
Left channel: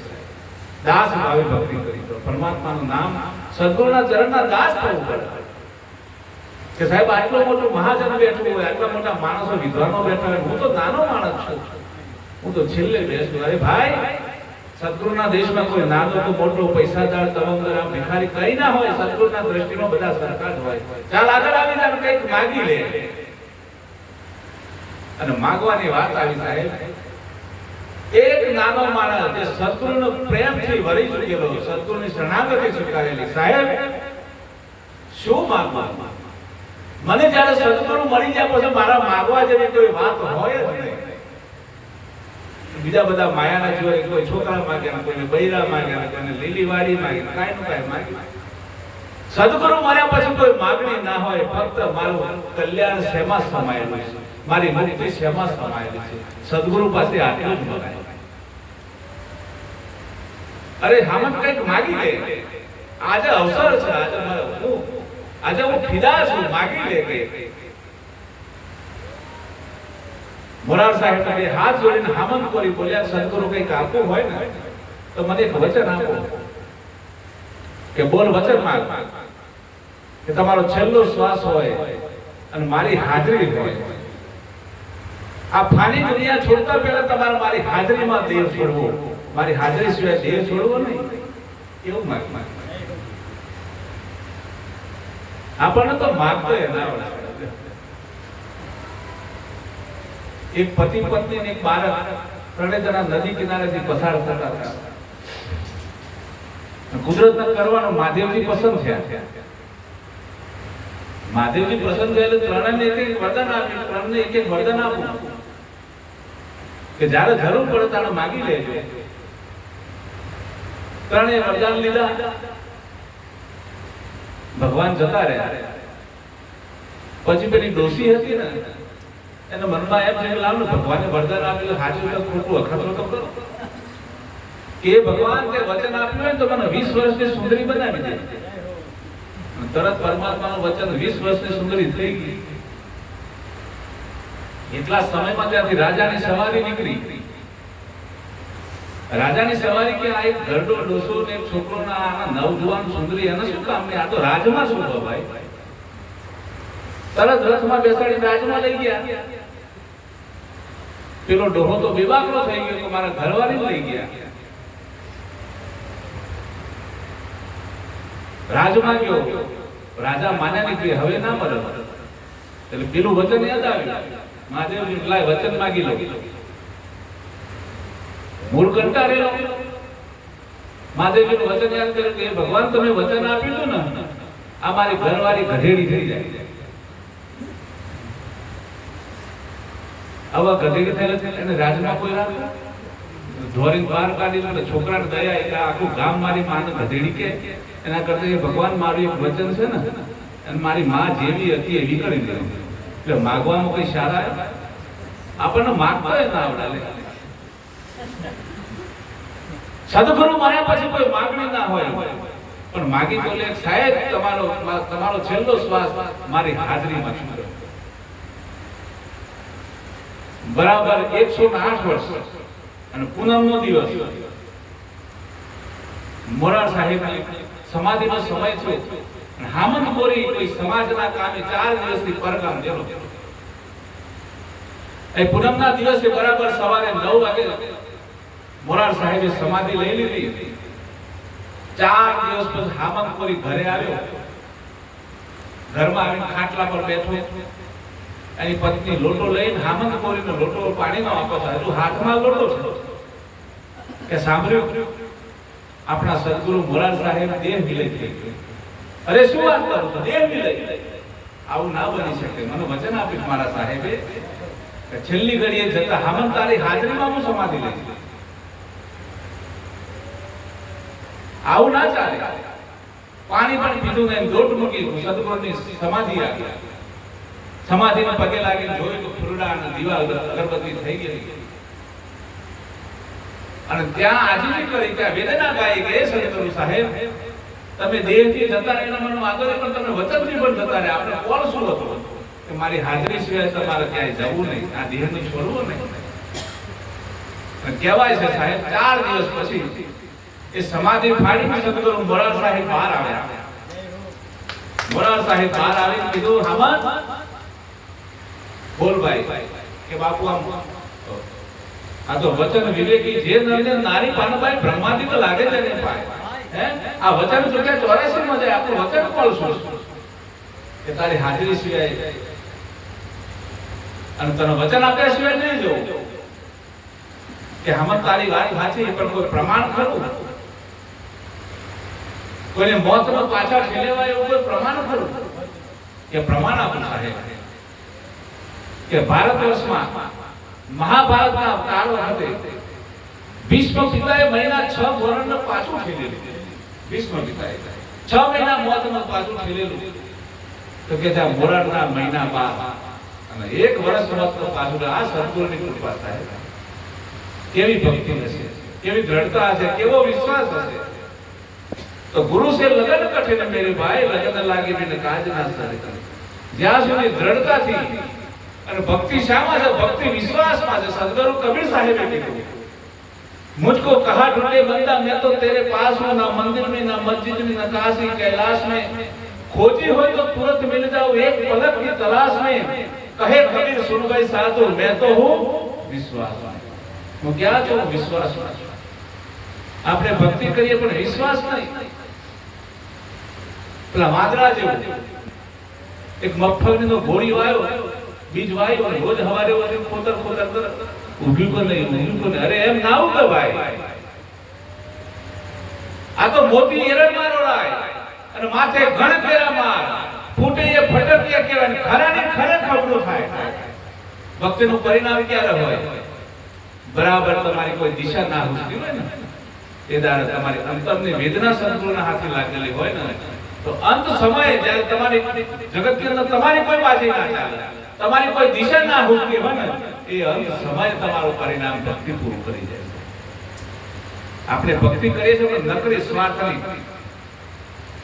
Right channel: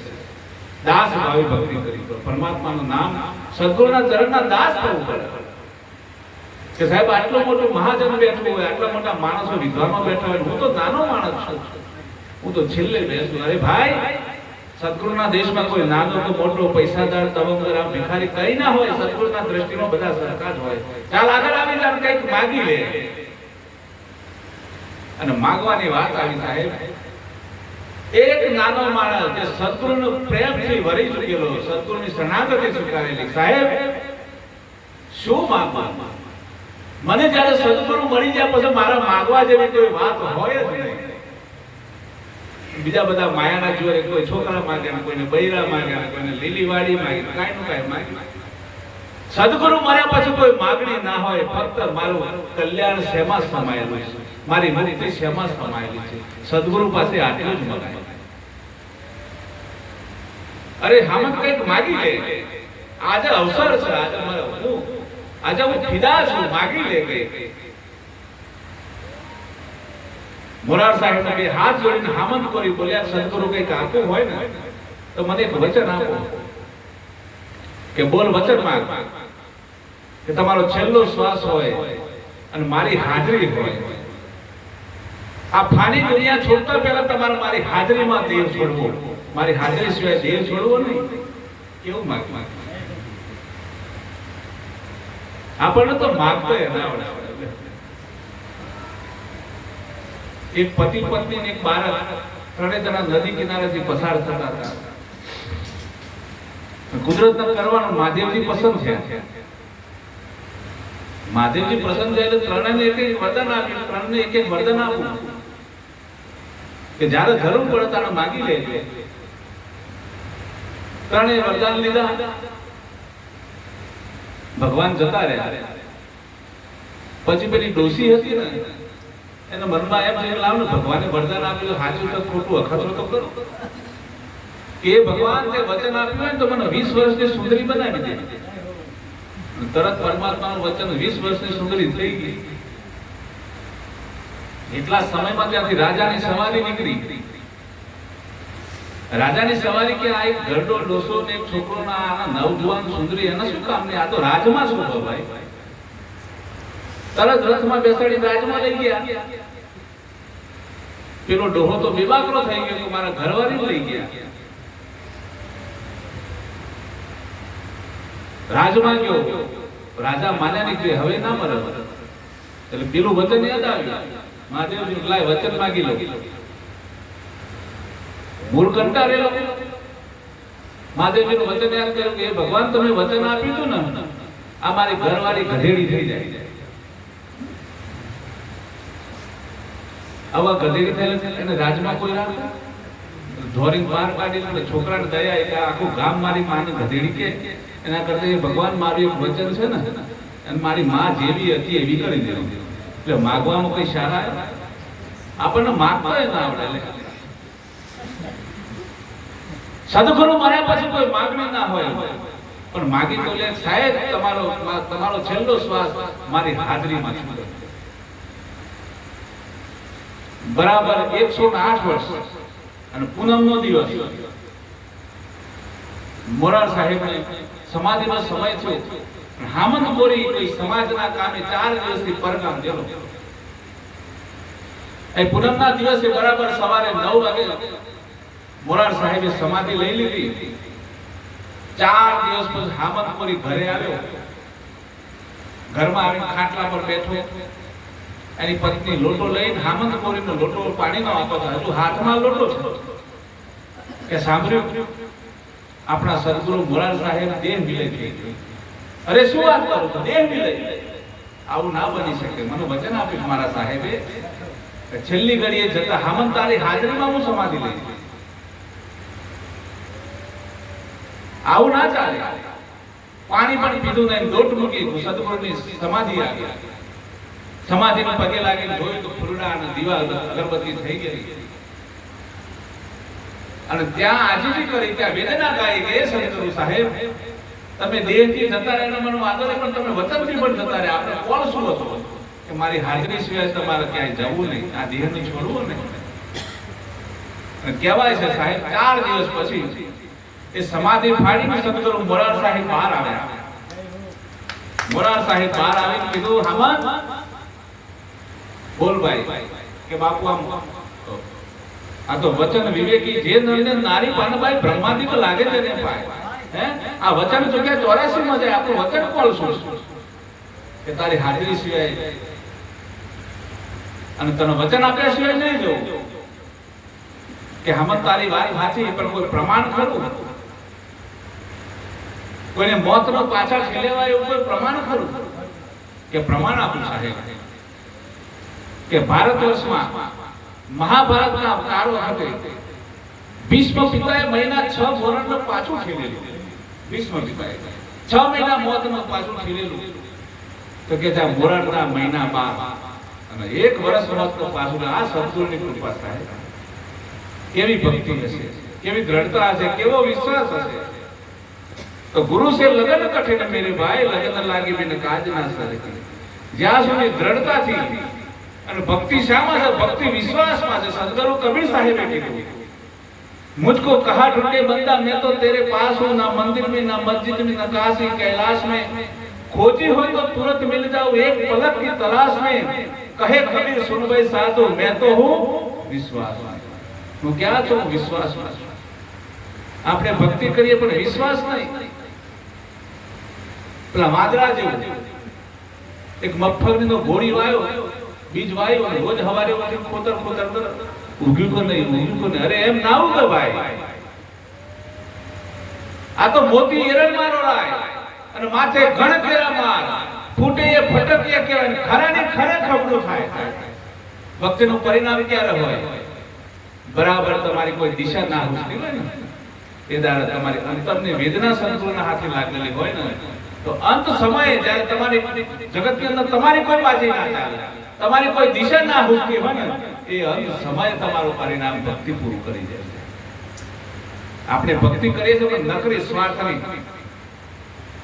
દાસ ભાવે ભક્તિ કરી દો. પરમાત્માનું નામ, સદગુરુના ચરણના દાસ થવું પડે. કે સાહેબ આટલો મોટો મહાજન બેઠો હોય, આટલા મોટા માણસો વિદ્વાનો બેઠા હોય, હું તો નાનો માણસ છું, હું તો છેલ્લે બેસું. અરે ભાઈ, સદગુરુના દેશમાં કોઈ નાનો તો મોટો, પૈસાદાર, તવંગર, ભિખારી કઈ ના હોય. સદગુરુના દ્રષ્ટિમાં બધા સરખા જ હોય. ચાલ આગળ આવી જાય, કંઈક માગી લે. અને માગવાની વાત આવી સાહેબ, એક નાનો માણસ જે સદગુરુનો પ્રેમથી વળી ચૂકેલો, સદગુરુની શરણાગતિ સ્વીકારેલી. સાહેબ શું માંગવાનું? મને જયારે સદગુરુ મળી જાય પછી મારા માગવા જેવી કોઈ વાત હોય જ નહીં. બીજા બધા માયાના જોઈએ, કોઈ છોકરા માગે, કોઈને બૈરા માગે, કોઈને લીલીવાડી માગે, કાંઈ નું કાંઈ માગે. સદગુરુ મળ્યા પછી કોઈ માગણી ના હોય. ફક્ત મારું કલ્યાણ શેમાં સમાયેલું છે, મારી મુક્તિ શેમાં સમાયેલી છે, સદગુરુ પાસે આટલું જ મગાય. અરે હામદ કંઈક માગી લે. આજે અવસર છે, આજે હું ફિદા છું, માગી લે કંઈક. મોરાર સાહેબ બે હાથ જોડીને હામદ કોરી બોલ્યા, સદગુરુ કંઈક આપવું હોય ને તો મને એક વચન આપો. કે બોલ વચન માંગ. કે તમારો છેલ્લો શ્વાસ હોય અને મારી હાજરી હોય. આ ફાની દુનિયા છોડતા પહેલા તમારે મારી હાજરીમાં દેવ છોડવો, મારી હાજરી સિવાય દેવ છોડવો નહીં. કેવું માંગ? આપણને તો માગતો ના આવડે. એક પતિ પત્ની ને એક બાળક, ત્રણે જણા નદી કિનારેથી પસાર થતા હતા. કુદરતને કરવાનું મહાદેવજી પસંદ છે. મહાદેવજી પસંદ છે એટલે ત્રણેયને એક એક વરદાન આપ્યું. ત્રણને એક એક વરદાન આપવું કે જ્યારે જરૂર પડે ત્યારે માગી લેજો. ત્રણેય વરદાન લીધા. ભગવાન જતા રહ્યા. પછી પેલી ડોસી હતી ને, એના મનમાં એમ છે કે લાવ ને ભગવાને વરદાન આપેલું, સાચું તો ખોટું અખતરો તો કરો. કે ભગવાન તે વચન આપ્યું હોય તો મને 20 વર્ષની સુંદરી બનાવી દે. તરત પરમાત્માનું વચન 20 વર્ષની સુંદરી થઈ ગઈ. એટલા સમયમાં ત્યાંથી રાજાની સવારી નીકળી. રાજાની સવારી કે આ એક ઘરડો ડોસો ને એક છોકરો ના નવજુવાન સુંદરી, એને શું કામ નહીં? આ તો રાજમાં શું હો ભાઈ. તરત રથમાં બેસાડી રાજમાં લઈ ગયા. પેલો ડોહો તો બેબાકલો થઈ ગયો કે મારા ઘરવાળી લઈ ગયા. રાજમાં ગયો, રાજા માન્યા નહીં કે હવે ના મરે. એટલે પેલું વચન યાદ આવ્યું. મહાદેવજી લાય વચન માગી લો. મૂળ કંટાળેલો મહાદેવજીનું વચન યાદ કર્યું કે ભગવાન તમે વચન આપ્યું હતું ને આ મારી ઘરવાળી ગધેડી થઈ જાય. આવા ગધેડી થયેલા એને રાજમાં કોઈ રાખે ધોરીને બહાર કાઢી લે. છોકરાને દયા એટલે આખું ગામ મારી માને ગધેડી કે એના કરતા કે ભગવાન મારું એક વચન છે ને અને મારી માં જેવી હતી એવી કરી દે. એટલે માગવામાં કઈ સારા આપણને માગતા ના આવડે. સદગુરુ મળ્યા પછી કોઈ માગણી ના હોય પણ માગી તો લે સાહેબ તમારો છેલ્લો શ્વાસ મારી હાજરીમાં છે. બરાબર 108 વર્ષ અને પૂનમનો દિવસ મોરાર સાહેબ સમાધિનો સમય થયો. હામંત ગોરી કોઈ સમાજના કામે 4 દિવસથી પરગામ ગયેલો. એ પૂનમના દિવસે બરાબર સવારે 9 વાગે મોરાર સાહેબે સમાધિ લઈ લીધી. 4 દિવસ પછી હામંત ગોરી ઘરે આવ્યો. ઘરમાં આવીને ખાટલા પર બેઠો. એની પત્ની લોટો લઈને હામંત ગોરીનો લોટો પાણીનો આપો છે. હજુ હાથમાં લોટો છે કે સાંભળ્યું આપણા સદગુરુ મોરાર સાહેબ દેહ વિલય થઈ ગયો. અરે શું વાત કરો છો? દેહ વિલય? આવું ના બની શકે. મને વચન આપ્યું મારા સાહેબે કે છેલ્લી ઘડીએ જતા હામંત તારી હાજરીમાં હું સમાધિ લઈશ. આવું ના ચાલે. પાણી પણ પીધું નહીં, લોટ મૂકી સદગુરુની સમાધિ આવી. સમાધિને પગે લાગીને જોયું તો ફૂલડા અને દીવા અગરબત્તી થઈ ગઈ અને ત્યાં આજીજી કરી, ત્યાં વેદના ગાઈ કે સદગુરુ સાહેબ તમે દેહથી જતા રહેલા મારો આદર પણ તમે વચનથી પણ જતા રહે. આપણે કોણ શું હતો કે મારી હાજરી સિવાય તમારે ક્યાંય જવું નહીં, આ દેહને છોડવું નહીં. કહેવાય છે સાહેબ 4 દિવસ પછી એ સમાધિ ફાડીને સદગુરુ મોરાર સાહેબ બહાર આવ્યા. મોરાર સાહેબ બહાર આવીને કીધું હામંત બોલ ભાઈ કે બાપુ આમ આ તો વચન વિવેકી જે નંદન નારી પાનભાઈ બ્રહ્માદી તો લાગે છે ને ભાઈ. હે આ વચન ચૂક્યા 84 માં જાય. આપણું વચન કોણ શું કે તારી હાજરી સિવાય અને તને વચન આપ્યા સિવાય નહીં જવું કે હમણાં તારી વાત સાચી પણ કોઈ પ્રમાણ ખરું? કોઈને મોતનો પાછા ઠેલવાય એવું કોઈ પ્રમાણ ખરું? કે પ્રમાણ આપું સાહેબ કે ભારત વર્ષમાં મહાભારતના કાળો hatte ભીષ્મ પિતાએ મહિના 6 ધોરણનું પાછું ઠેલેલું. ભીષ્મ પિતાએ 6 મહિના મોતનું પાછું ઠેલેલું તો કે ત્યાં મોરારના મહિના 12 અને 1 વર્ષ મોતનું પાછું. આ સદગુરુની કૃપા થાય. કેવી ભક્તિ હશે, કેવી દ્રઢતા હશે, કેવો વિશ્વાસ હશે. તો ગુરુ સે લગન કઠિન મેરે ભાઈ લગન લાગી મેને કાજ ના સરે. જ્યાં સુધી દ્રઢતાથી અને ભક્તિ શામાં છે? ભક્તિ વિશ્વાસમાં છે. સદગુરુ કબીર સાહેબે કીધું मुझको कहा ढूंढे बंदा मैं तो तेरे पास हूँ, ना मंदिर में ना मस्जिद में ना काशी कैलाश में, खोजी हो तो तुरंत मिल जाओ एक पलक की तलाश में. कहे कबीर सुन गए साधु मैं तो हूँ विश्वास. હું ક્યાં છું? વિશ્વાસમાં છું. આપણે ભક્તિ કરીએ પણ વિશ્વાસ નહીં. પેલા વાદળા જેવું એક મગફળીનો ગોળી વાયો, બીજ વાયો અને રોજ હવારે ખોતર ખોતર કરે ઉભી પર નહીં, ઉભી પર નહીં. અરે એમ ના ઉગે ભાઈ. આ તો મોતી એરણનારો રાય અને માથે ઘણ કેરા માર ફૂટે એ ફટકીએ કહેવાય. ખરાની ખરે ખબડું થાય. ભક્તિનું પરિણામ ક્યારે હોય? બરાબર તમારી કોઈ દિશા ના હુસતી હોય ને એ દાડે તમારી અંતરની વેદના સદગુરુના હાથે લાગેલી હોય ને તો અંત સમયે જ્યારે તમારી જગતની અંદર તમારી કોઈ બાજી ના ચાલે, તમારી કોઈ દિશા ના હુસતી હોય ને એ અંત સમયે તમારું પરિણામ ભક્તિ પૂરું કરી જાય છે. આપણે ભક્તિ કરીએ છીએ પણ નકરી સ્વાર્થની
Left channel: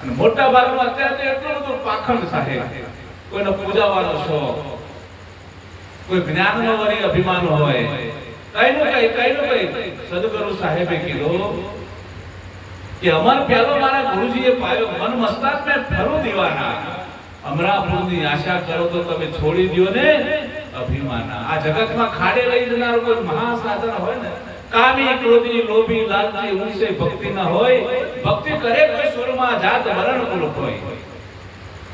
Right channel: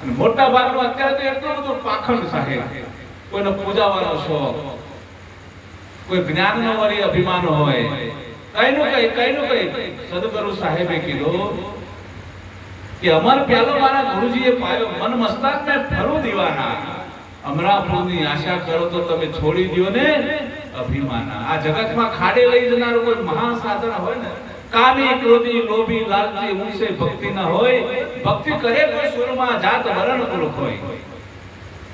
અને મોટા ભાગનો અત્યારે તો એટલો બધો પાખંડ સાહેબ. કોઈનો પૂજાવાનો શોખ, કોઈ જ્ઞાનનો વળી અભિમાન હોય, કઈનું કઈ સદગુરુ સાહેબે કીધું કે અમર પ્યાલો મારા ગુરુજીએ પાયો, મન મસ્તક મે ફરું દીવાના, અમરાપુરની આશા કરો તો તમે છોડી દો ને અભિમાના. આ જગતમાં ખાડે લઈ જનાર કોઈ મહાસાધન હોય ને, કામી ક્રોધી લોભી લાલચી ઊંચે ભક્તિ ના હોય, ભક્તિ કરે કોઈ સુરમાં જાત વરણ કુલ હોય.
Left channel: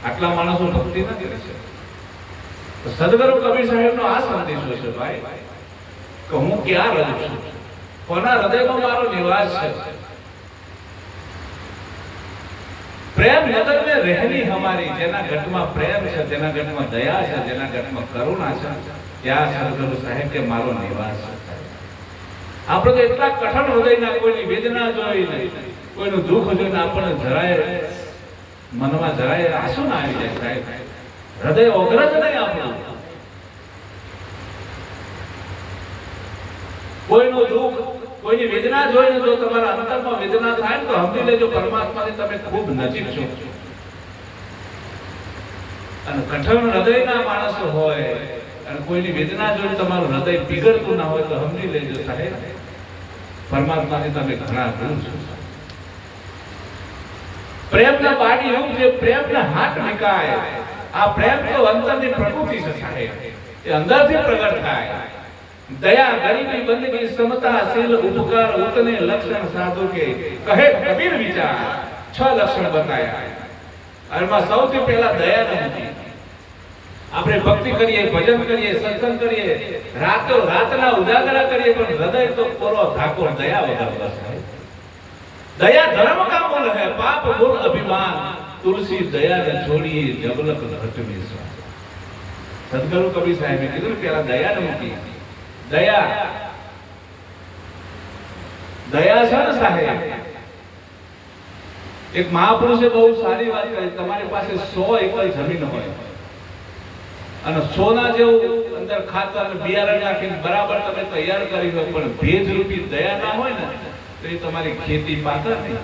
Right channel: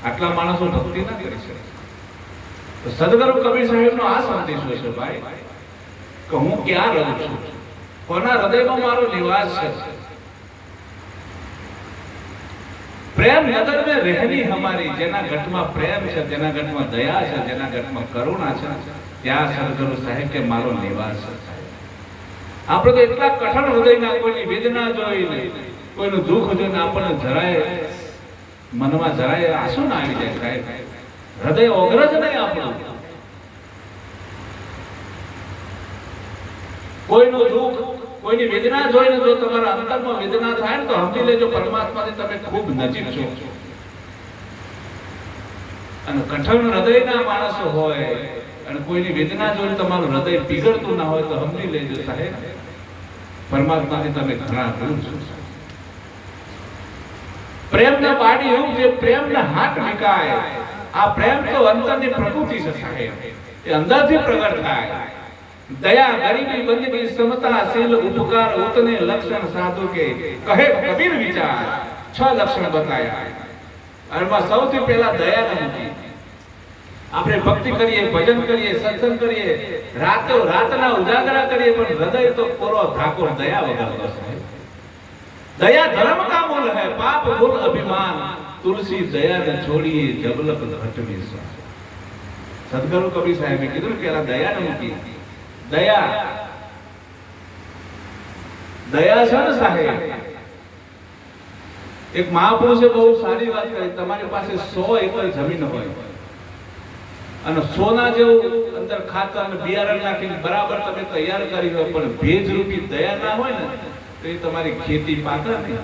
આટલા માણસો ભક્તિ ના કરી શકે. તો સદગુરુ કબીર સાહેબનો આ સંદેશો છે ભાઈ કે હું ક્યાં રહું છું, કોના હૃદયમાં મારો નિવાસ છે। प्रेम नगर में रहनी हमारी, जेना घटમાં પ્રેમ છે, જેના ઘટમાં દયા છે, જેના ઘટમાં કરુણા છે, ત્યાં સદગુરુ સાહેબ કે મારો નિવાસ છે। આપણે તો એટલા કઠણ હૃદયના, કોઈની વેદના જોઈને, કોઈનું દુઃખ જોઈને આપણને જરાય મનમાં જરાય આંસુ ના આવી જાય સાહેબ। હૃદય ઓગળ જ નહીં આપણું। કોઈનું દુઃખ, કોઈની વેદના જોઈને જો તમારા અંતરમાં વેદના થાય ને તો સમજી લેજો પરમાત્માની તમે ખૂબ નજીક છો। અને કઠણ હૃદયના માણસો હોય અને કોઈની વેદના જોઈને તમારું હૃદય પીગળતું ના હોય તો સમજી લેજો સાહેબ પરમાત્માથી તમે ઘણા દૂર છો। પ્રેમના પાણી એવું છે, પ્રેમના હાથ વિકાય। આ પ્રેમ તો અંતરની પ્રકૃતિ છે સાહેબ, એ અંદરથી પ્રગટ થાય। दया गरीबी बंदगी समता शील उपकार उतने लक्षण साधु के कहे कबीर विचार। 6 लक्षण बताया। એમાં સૌથી પહેલા દયા નથી। આપણે ભક્તિ કરીએ, ભજન કરીએ, સત્સંગ કરીએ, રાતો રાતના ઉજાગરા કરીએ, પણ હૃદય તો પૂરો ઠાકોર દયા વગર છે। दया धर्म का मूल है, पाप मूल अभिमान। तुलसी दया न छोड़िए जबलक घट में से। सदगुरु कबीर साहेबे કીધું કે આ દયા નથી। दया दया છે ને સાહેબ। એક મહાપુરુષે બહુ સારી વાત કરી, તમારી પાસે 100 એકર જમીન હોય અને સોના જેવું અંદર ખાતર અને બિયારણ નાખીને બરાબર તમે તૈયાર કરી હોય, પણ ભેજ રૂપી દયા ના હોય ને તો એ તમારી ખેતી પાકે નહીં।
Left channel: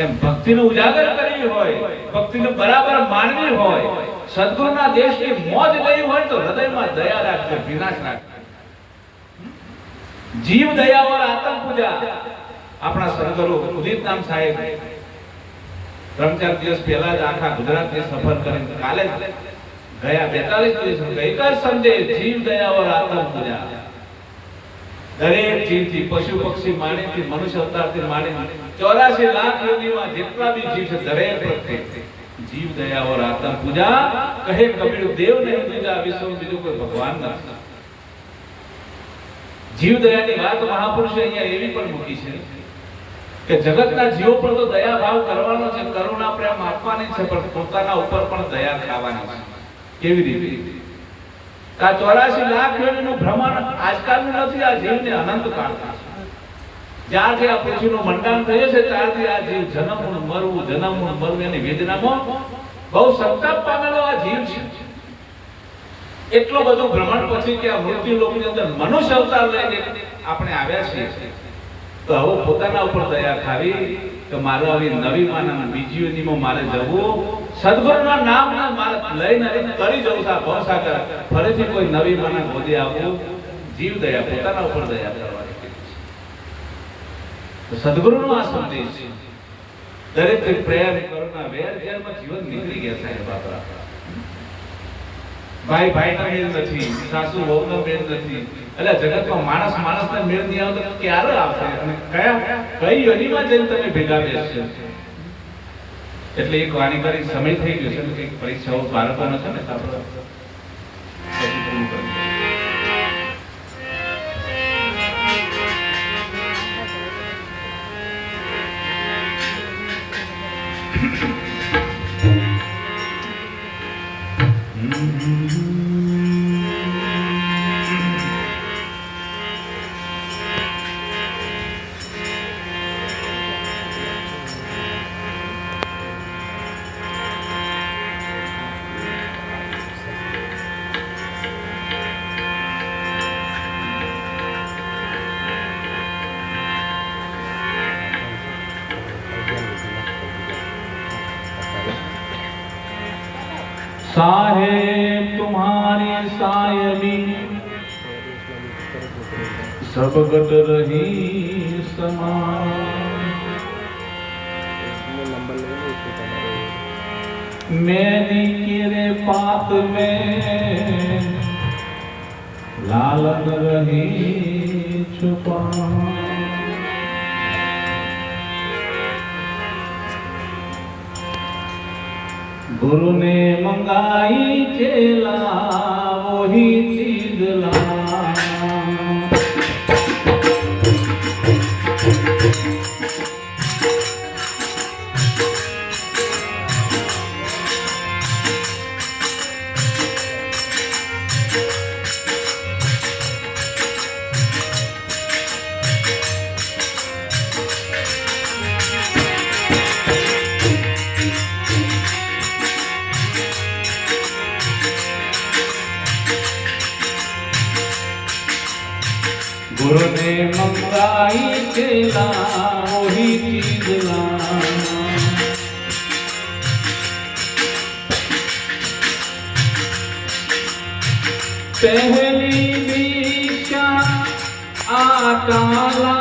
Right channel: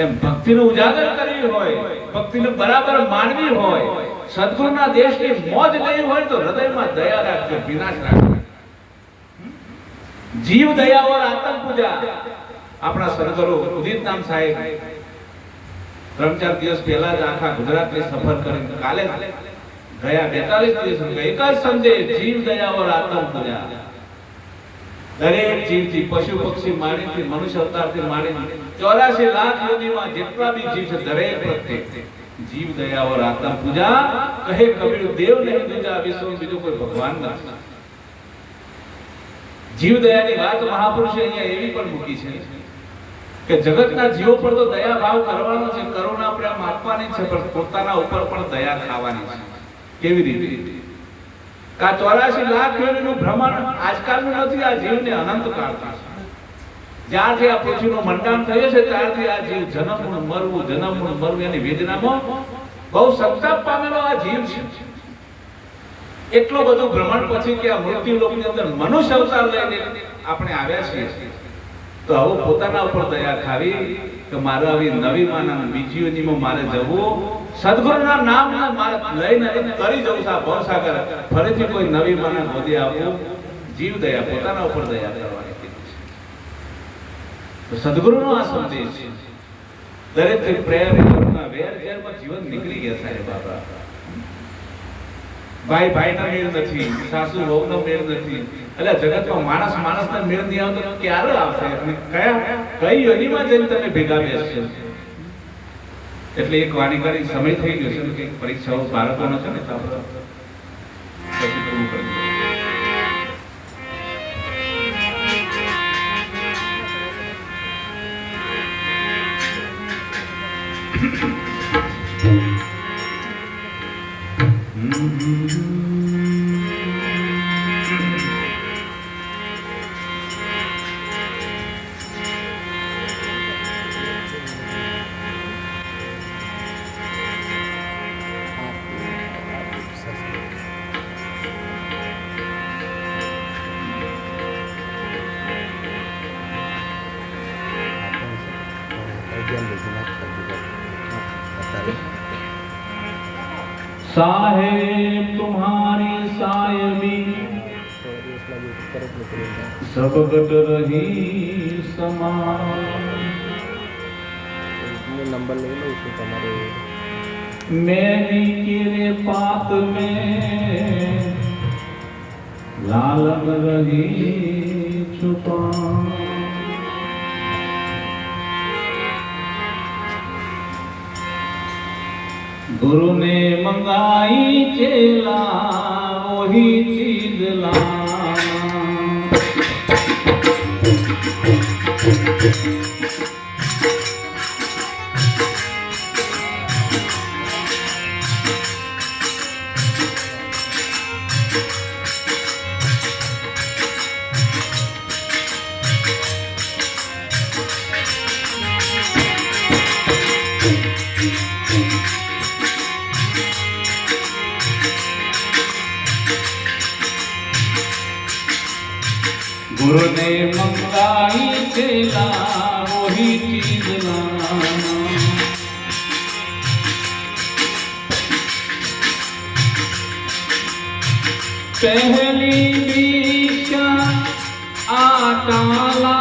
એમ ભક્તિનો ઉજાગર કરવી હોય, ભક્તિને બરાબર માનવી હોય, સદગુરુના દેશની મોજ લેવી હોય તો હૃદયમાં દયા રાખજો, વિનાશ રાખજો। જીવ દયા और आत्म पूजा। આપણા સદગુરુ ઉદિત નામ સાહેબ 3-4 દિવસ પહેલા જ આખા ગુજરાતની સફર કરીને કાલે ગયા 42 દિવસ એક જ સંદેશ, જીવ દયા और आत्म पूजा। દરેક જીવથી, પશુ પક્ષી માણીથી, મનુષ્ય અવતારથી માણી 84 લાખ યોનીમાં જેટલા બી જીવ છે દરેક પ્રત્યે जीव दया और आत्म पूजा। कहे कबीर देव नहीं दूजा विश्व में बीजो कोई भगवान નથી। जीव दयाની વાત મહાપુરુષે અહીંયા એવી પણ મૂકી છે કે જગતના જીવો પર તો દયા ભાવ કરવાનો છે, કરુણા પ્રેમ આપવાની છે, પણ પોતાના ઉપર પણ દયા ખાવાની છે। કેવી રીતે? આ 84 લાખ યોનીનું ભ્રમણ આજકાલનું નથી, આ જીવને અનંત કાળથી છે। જ્યારથી આ પૃથ્વીનું મંડાણ થયું છે ત્યારથી આ જીવ જન્મનું મરવું એની વેદનામાં બહુ સંતાપ પામેલો આ જીવ છે। એટલો બધું ભ્રમણ પછી કે આ મૃત્યુ લોકની અંદર મનુષ્ય અવતાર લઈને આપણે આવ્યા છીએ, તો હવે પોતાના ઉપર દયા ખાવી કે મારે આવી નવી માના બીજી યોનીમાં મારે જવું, સદગુરુના નામને મારે લઈને કરી જવું છે આ ભવસાગર, ફરીથી કોઈ નવી માના ગોદી આપવું। જીવ દયા, પોતાના ઉપર દયા કરવાની। तो सदगुरु नो आ संदेश है। दरेक प्रेम करुणा वेर जेलમાં જીવન નીકળી ગયા સાહેબ। બાબા ભાઈ ભાઈના મેળ નથી, સાસુ વહુના મેળ નથી, એટલે જગતમાં માણસ માણસના મેળ નહીં આવે તો ક્યારે આવશે અને કઈ યોનીમાં જઈને તમે ભેગા બેસશો? એટલે એક વાણી કરી સમય થઈ ગયો છે કે પરીક્ષાઓ બાળકો નથી ને આપણે પછી પૂરું કરી साहेब तुम्हारी सायबी सब गट रही समान। मेरी किरे पात में लालन रही छुपा। गुरु ने मंग मंगाई चेला वही चीज लाना। गुरु ने मंगाई चेला वही चीज लाना। पहली दीक्षा आटा लाना,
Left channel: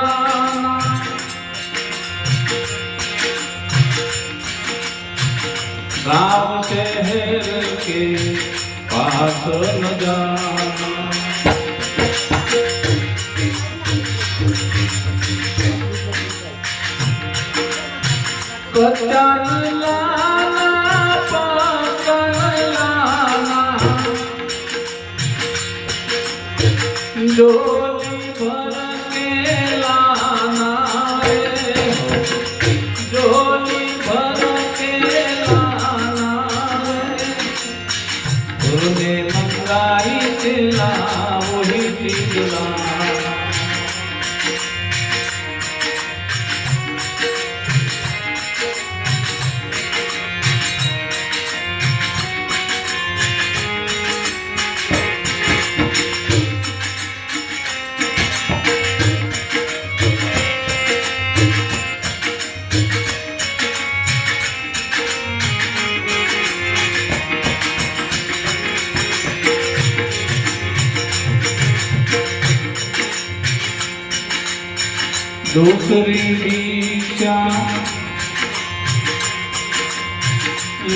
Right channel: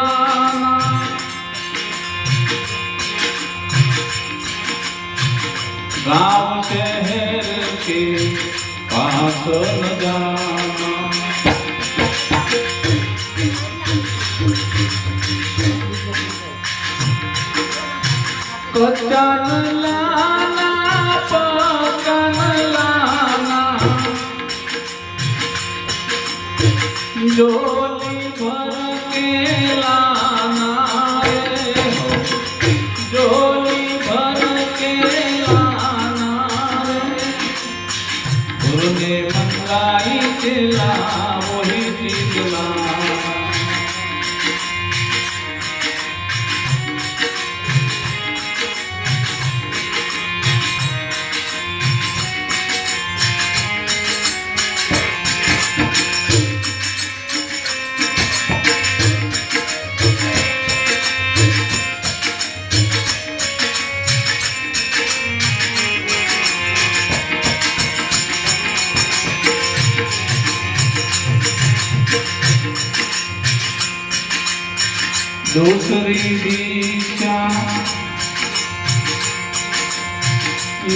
गाँव शहर के पास न जाना। कच्चन लाना पकन लाना, डोली भर के लाना रे, डोली भर के लाना रे। गुरु ने मंगाई चेला वही चीज लाना। दूसरी दीक्षा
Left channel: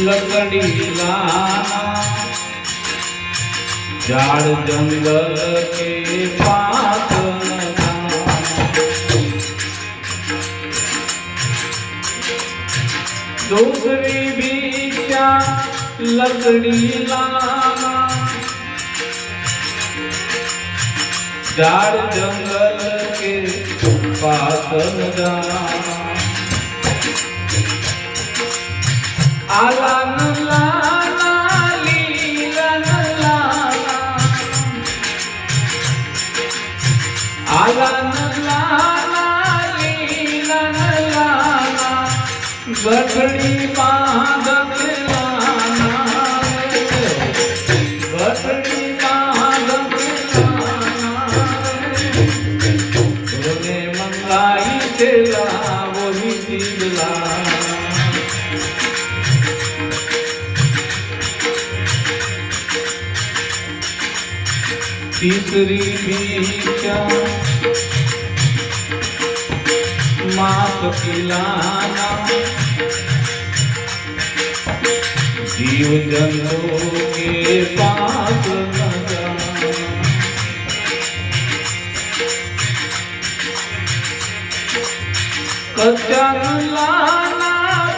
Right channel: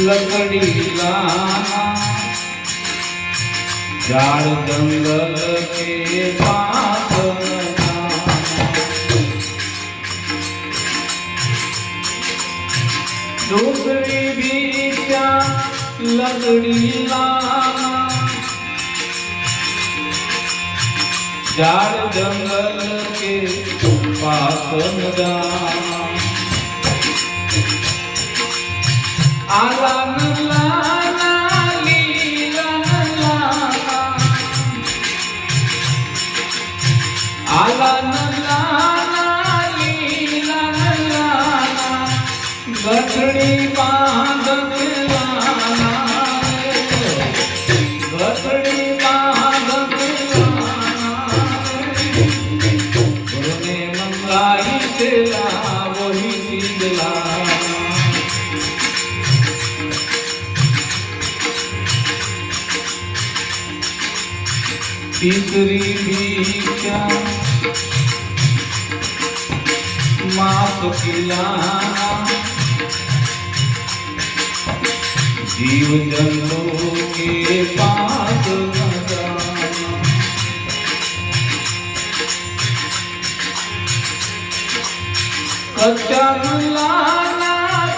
लकड़ी लाना, झाड़ जंगल के पास न जाना। दूसरी दीक्षा लकड़ी लाना, झाड़ जंगल के पास न जाना। आलन लाना लीलन लाना, आलन लाना लीलन लाना, गठड़ी बांध के लाना रे, गठड़ी बांध के लाना रे। गुरु ने मंगाई चेला वही चीज लाना। तीसरी दीक्षा माप खिलाना, जीव जंतु के पास न जाना। कच्चन लाना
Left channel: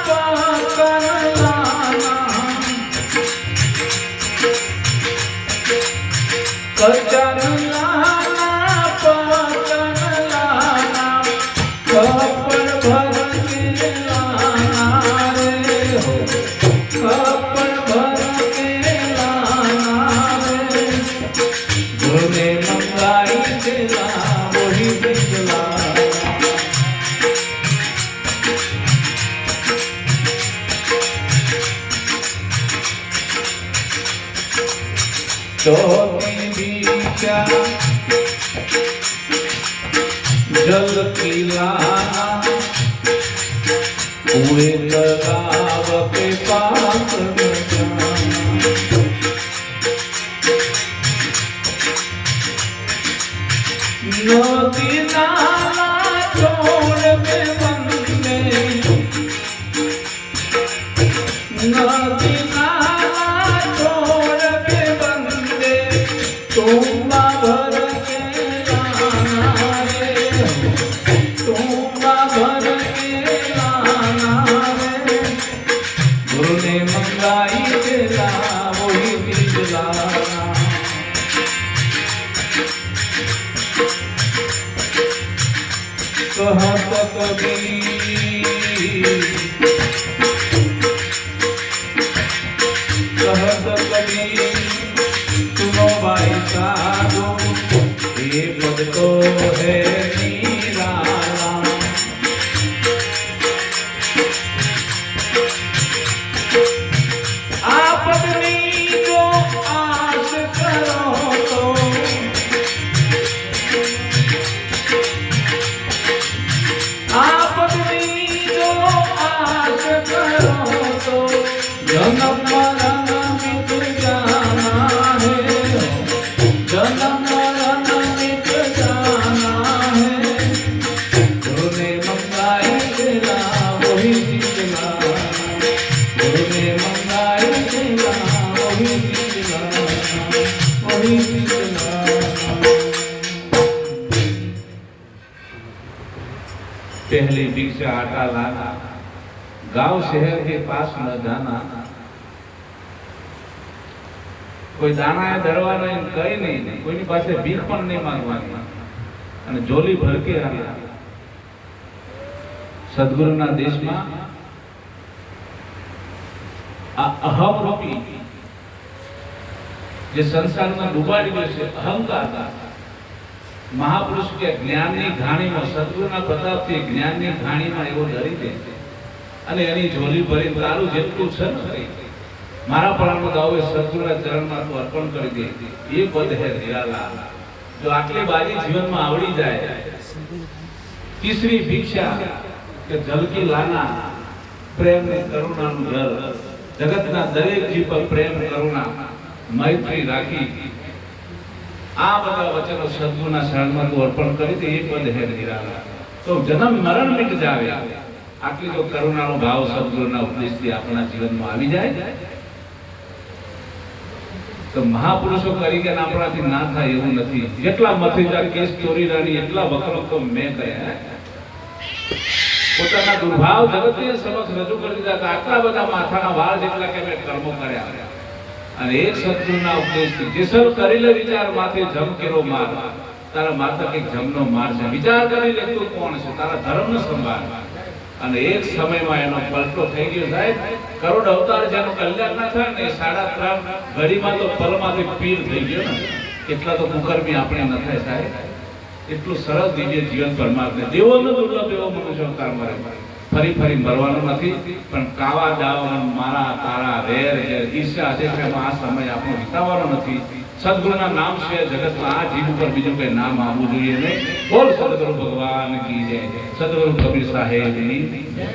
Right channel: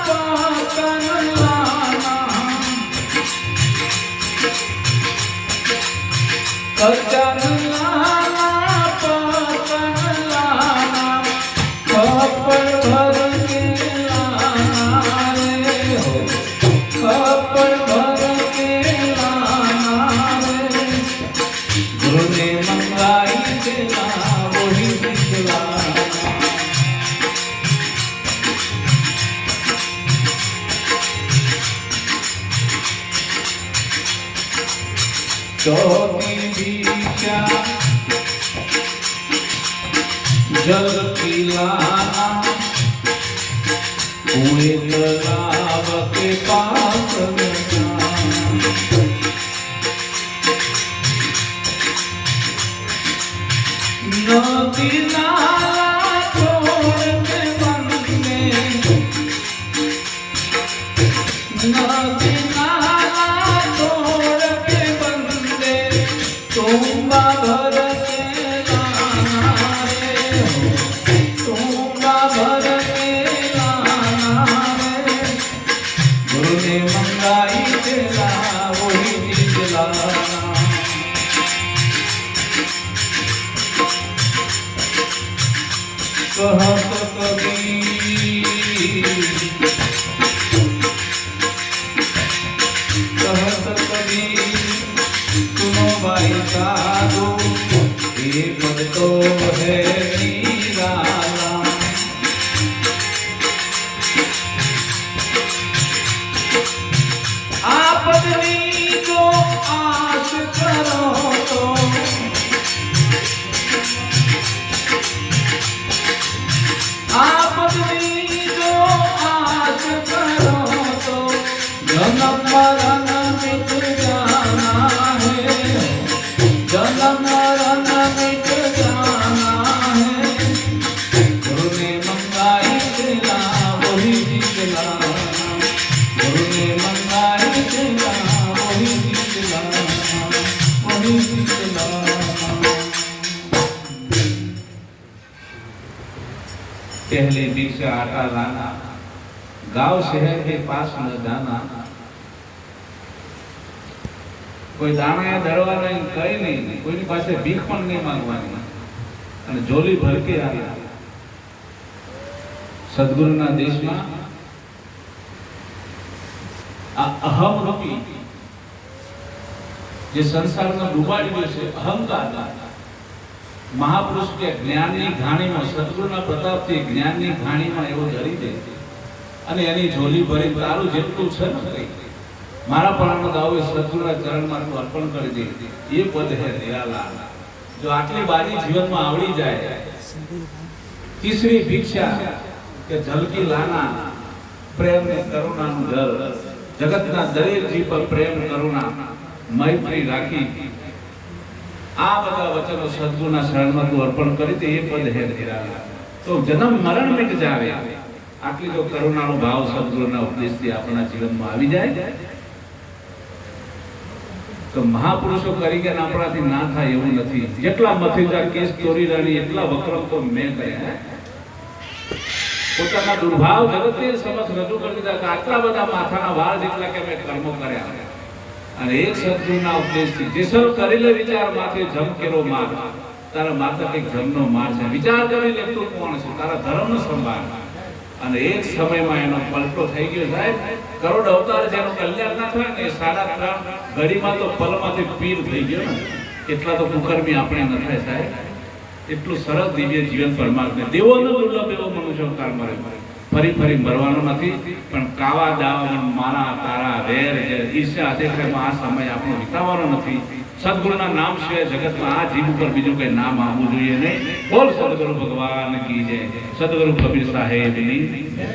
पकन लाना, कच्चन लाना पकन लाना, कपड़ भर के लाना रे, कपड़ भर के लाना रे। गुरु ने मंगाई चेला वही चीज लाना। चौथी दीक्षा जल की लाना, कुएं तालाब के पास न जाना। नदी नाला छोड़ के बंदे, नदी नाला छोड़ के बंदे, तुम्बा भर के लाना रे, तुम्बा भर के लाना रे। गुरु ने मंगाई चेला कहत कबीर सुनो भाई साधु ये पद तो है निराला। आपदनी जो आस करो तो आपदनी जो आस करो तो जन्म मरण मिट जाना है, जन्म मरण मिट जाना है। गुरु ने मंगाई दिला वही दिला, गुरु ने मंगाई दिला वही दिला, वही दिला। पहली भिक्षा आटा लाना, गांव शहर के पास न जाना। कोई दाना दरवा नहीं, कई नहीं, कोई पास भीख पण नहीं मांगवानी અને જોલી ભરકે આવ્યા। સદગુરુના દેશમાં આ અહમ રૂપી જે સંસારમાં ડૂબાડી ગયો છે અહંકાર, મહાપુરુષ કે જ્ઞાનની ઘાણીમાં સદગુરુના પ્રતાપથી જ્ઞાનની ઘાણીમાં એવો ધરી દે અને એની ઝોલી ભરી તારું જેટલું છે ને મારા પણ ગાવે સદગુરુના ચરણમાં તું અર્પણ કરી દે, એ પદ હે નિરાલા। જો આટલી બાજી જીવનમાં આવડી જાય। तीसरी भिक्षा કે જલકી લાના, પ્રેમ ને કરુણાનું જળ, જગતના દરેક જીવ પર પ્રેમ કરુણા મૈત્રી રાખી આ બધા વચનો સદગુરુના શરણમાં તું અર્પણ કરી દે, એ પદ હે નિરાલા। તો જન્મ મરણ મિટ જાવે। આટલી તો કરુણાનો ભાવ સદગુરુના ઉપદેશથી આપણા જીવનમાં આવી જાય તો મહાપુરુષો તરીકે આપણાથી ના થાય એવું નથી। જેટલા મથીલા કેસ ચોરી રાણી એટલા વક્રમ તો મેં કર્યા। પોતાના દુર્ભાવ જગતની સમક્ષ રજૂ કરી દીધા કે આટલા બધા માથાના વાળ જેટલા કે મેં કર્મો કર્યા અને એક સદગુરુના ઉપદેશથી જેસલ કરેલો વિચાર માથે જમ કેરો માર, તારા માથા કંઈક જમનો માર છે, વિચાર કરી લે તું કોણ છે, તારા ધર્મનો સંભાળ। અને એક સમયમાં એનો પલટો થઈ ગયો સાહેબ। કરોડ અવતાર જેનું કલ્યાણ ના થાય ને 3.5 ઘડીમાં તો પલમાંથી પીર થઈ ગયો ને। એટલા તો કુકર્મી આપણે ન થાય સાહેબ। એટલું સરસ દિવ્ય જીવન પરમાત્મા દેવોનો દુર્લભ એવો મનુષ્ય અવતાર મળે। ફરી ફરી મરવાનો નથી પણ કાવા દાવા મારા તારા વેર ઈર્ષા અધિક્રમ આ સમય આપણો વિતાવવાનો નથી। સદગુરુના નામ છે જગતમાં આ જીવ ઉપર બીજું કઈ નામ આવવું જોઈએ નહીં। બોલ સદગુરુ ભગવાન કી જય, સદગુરુ કબીર સાહેબની જય।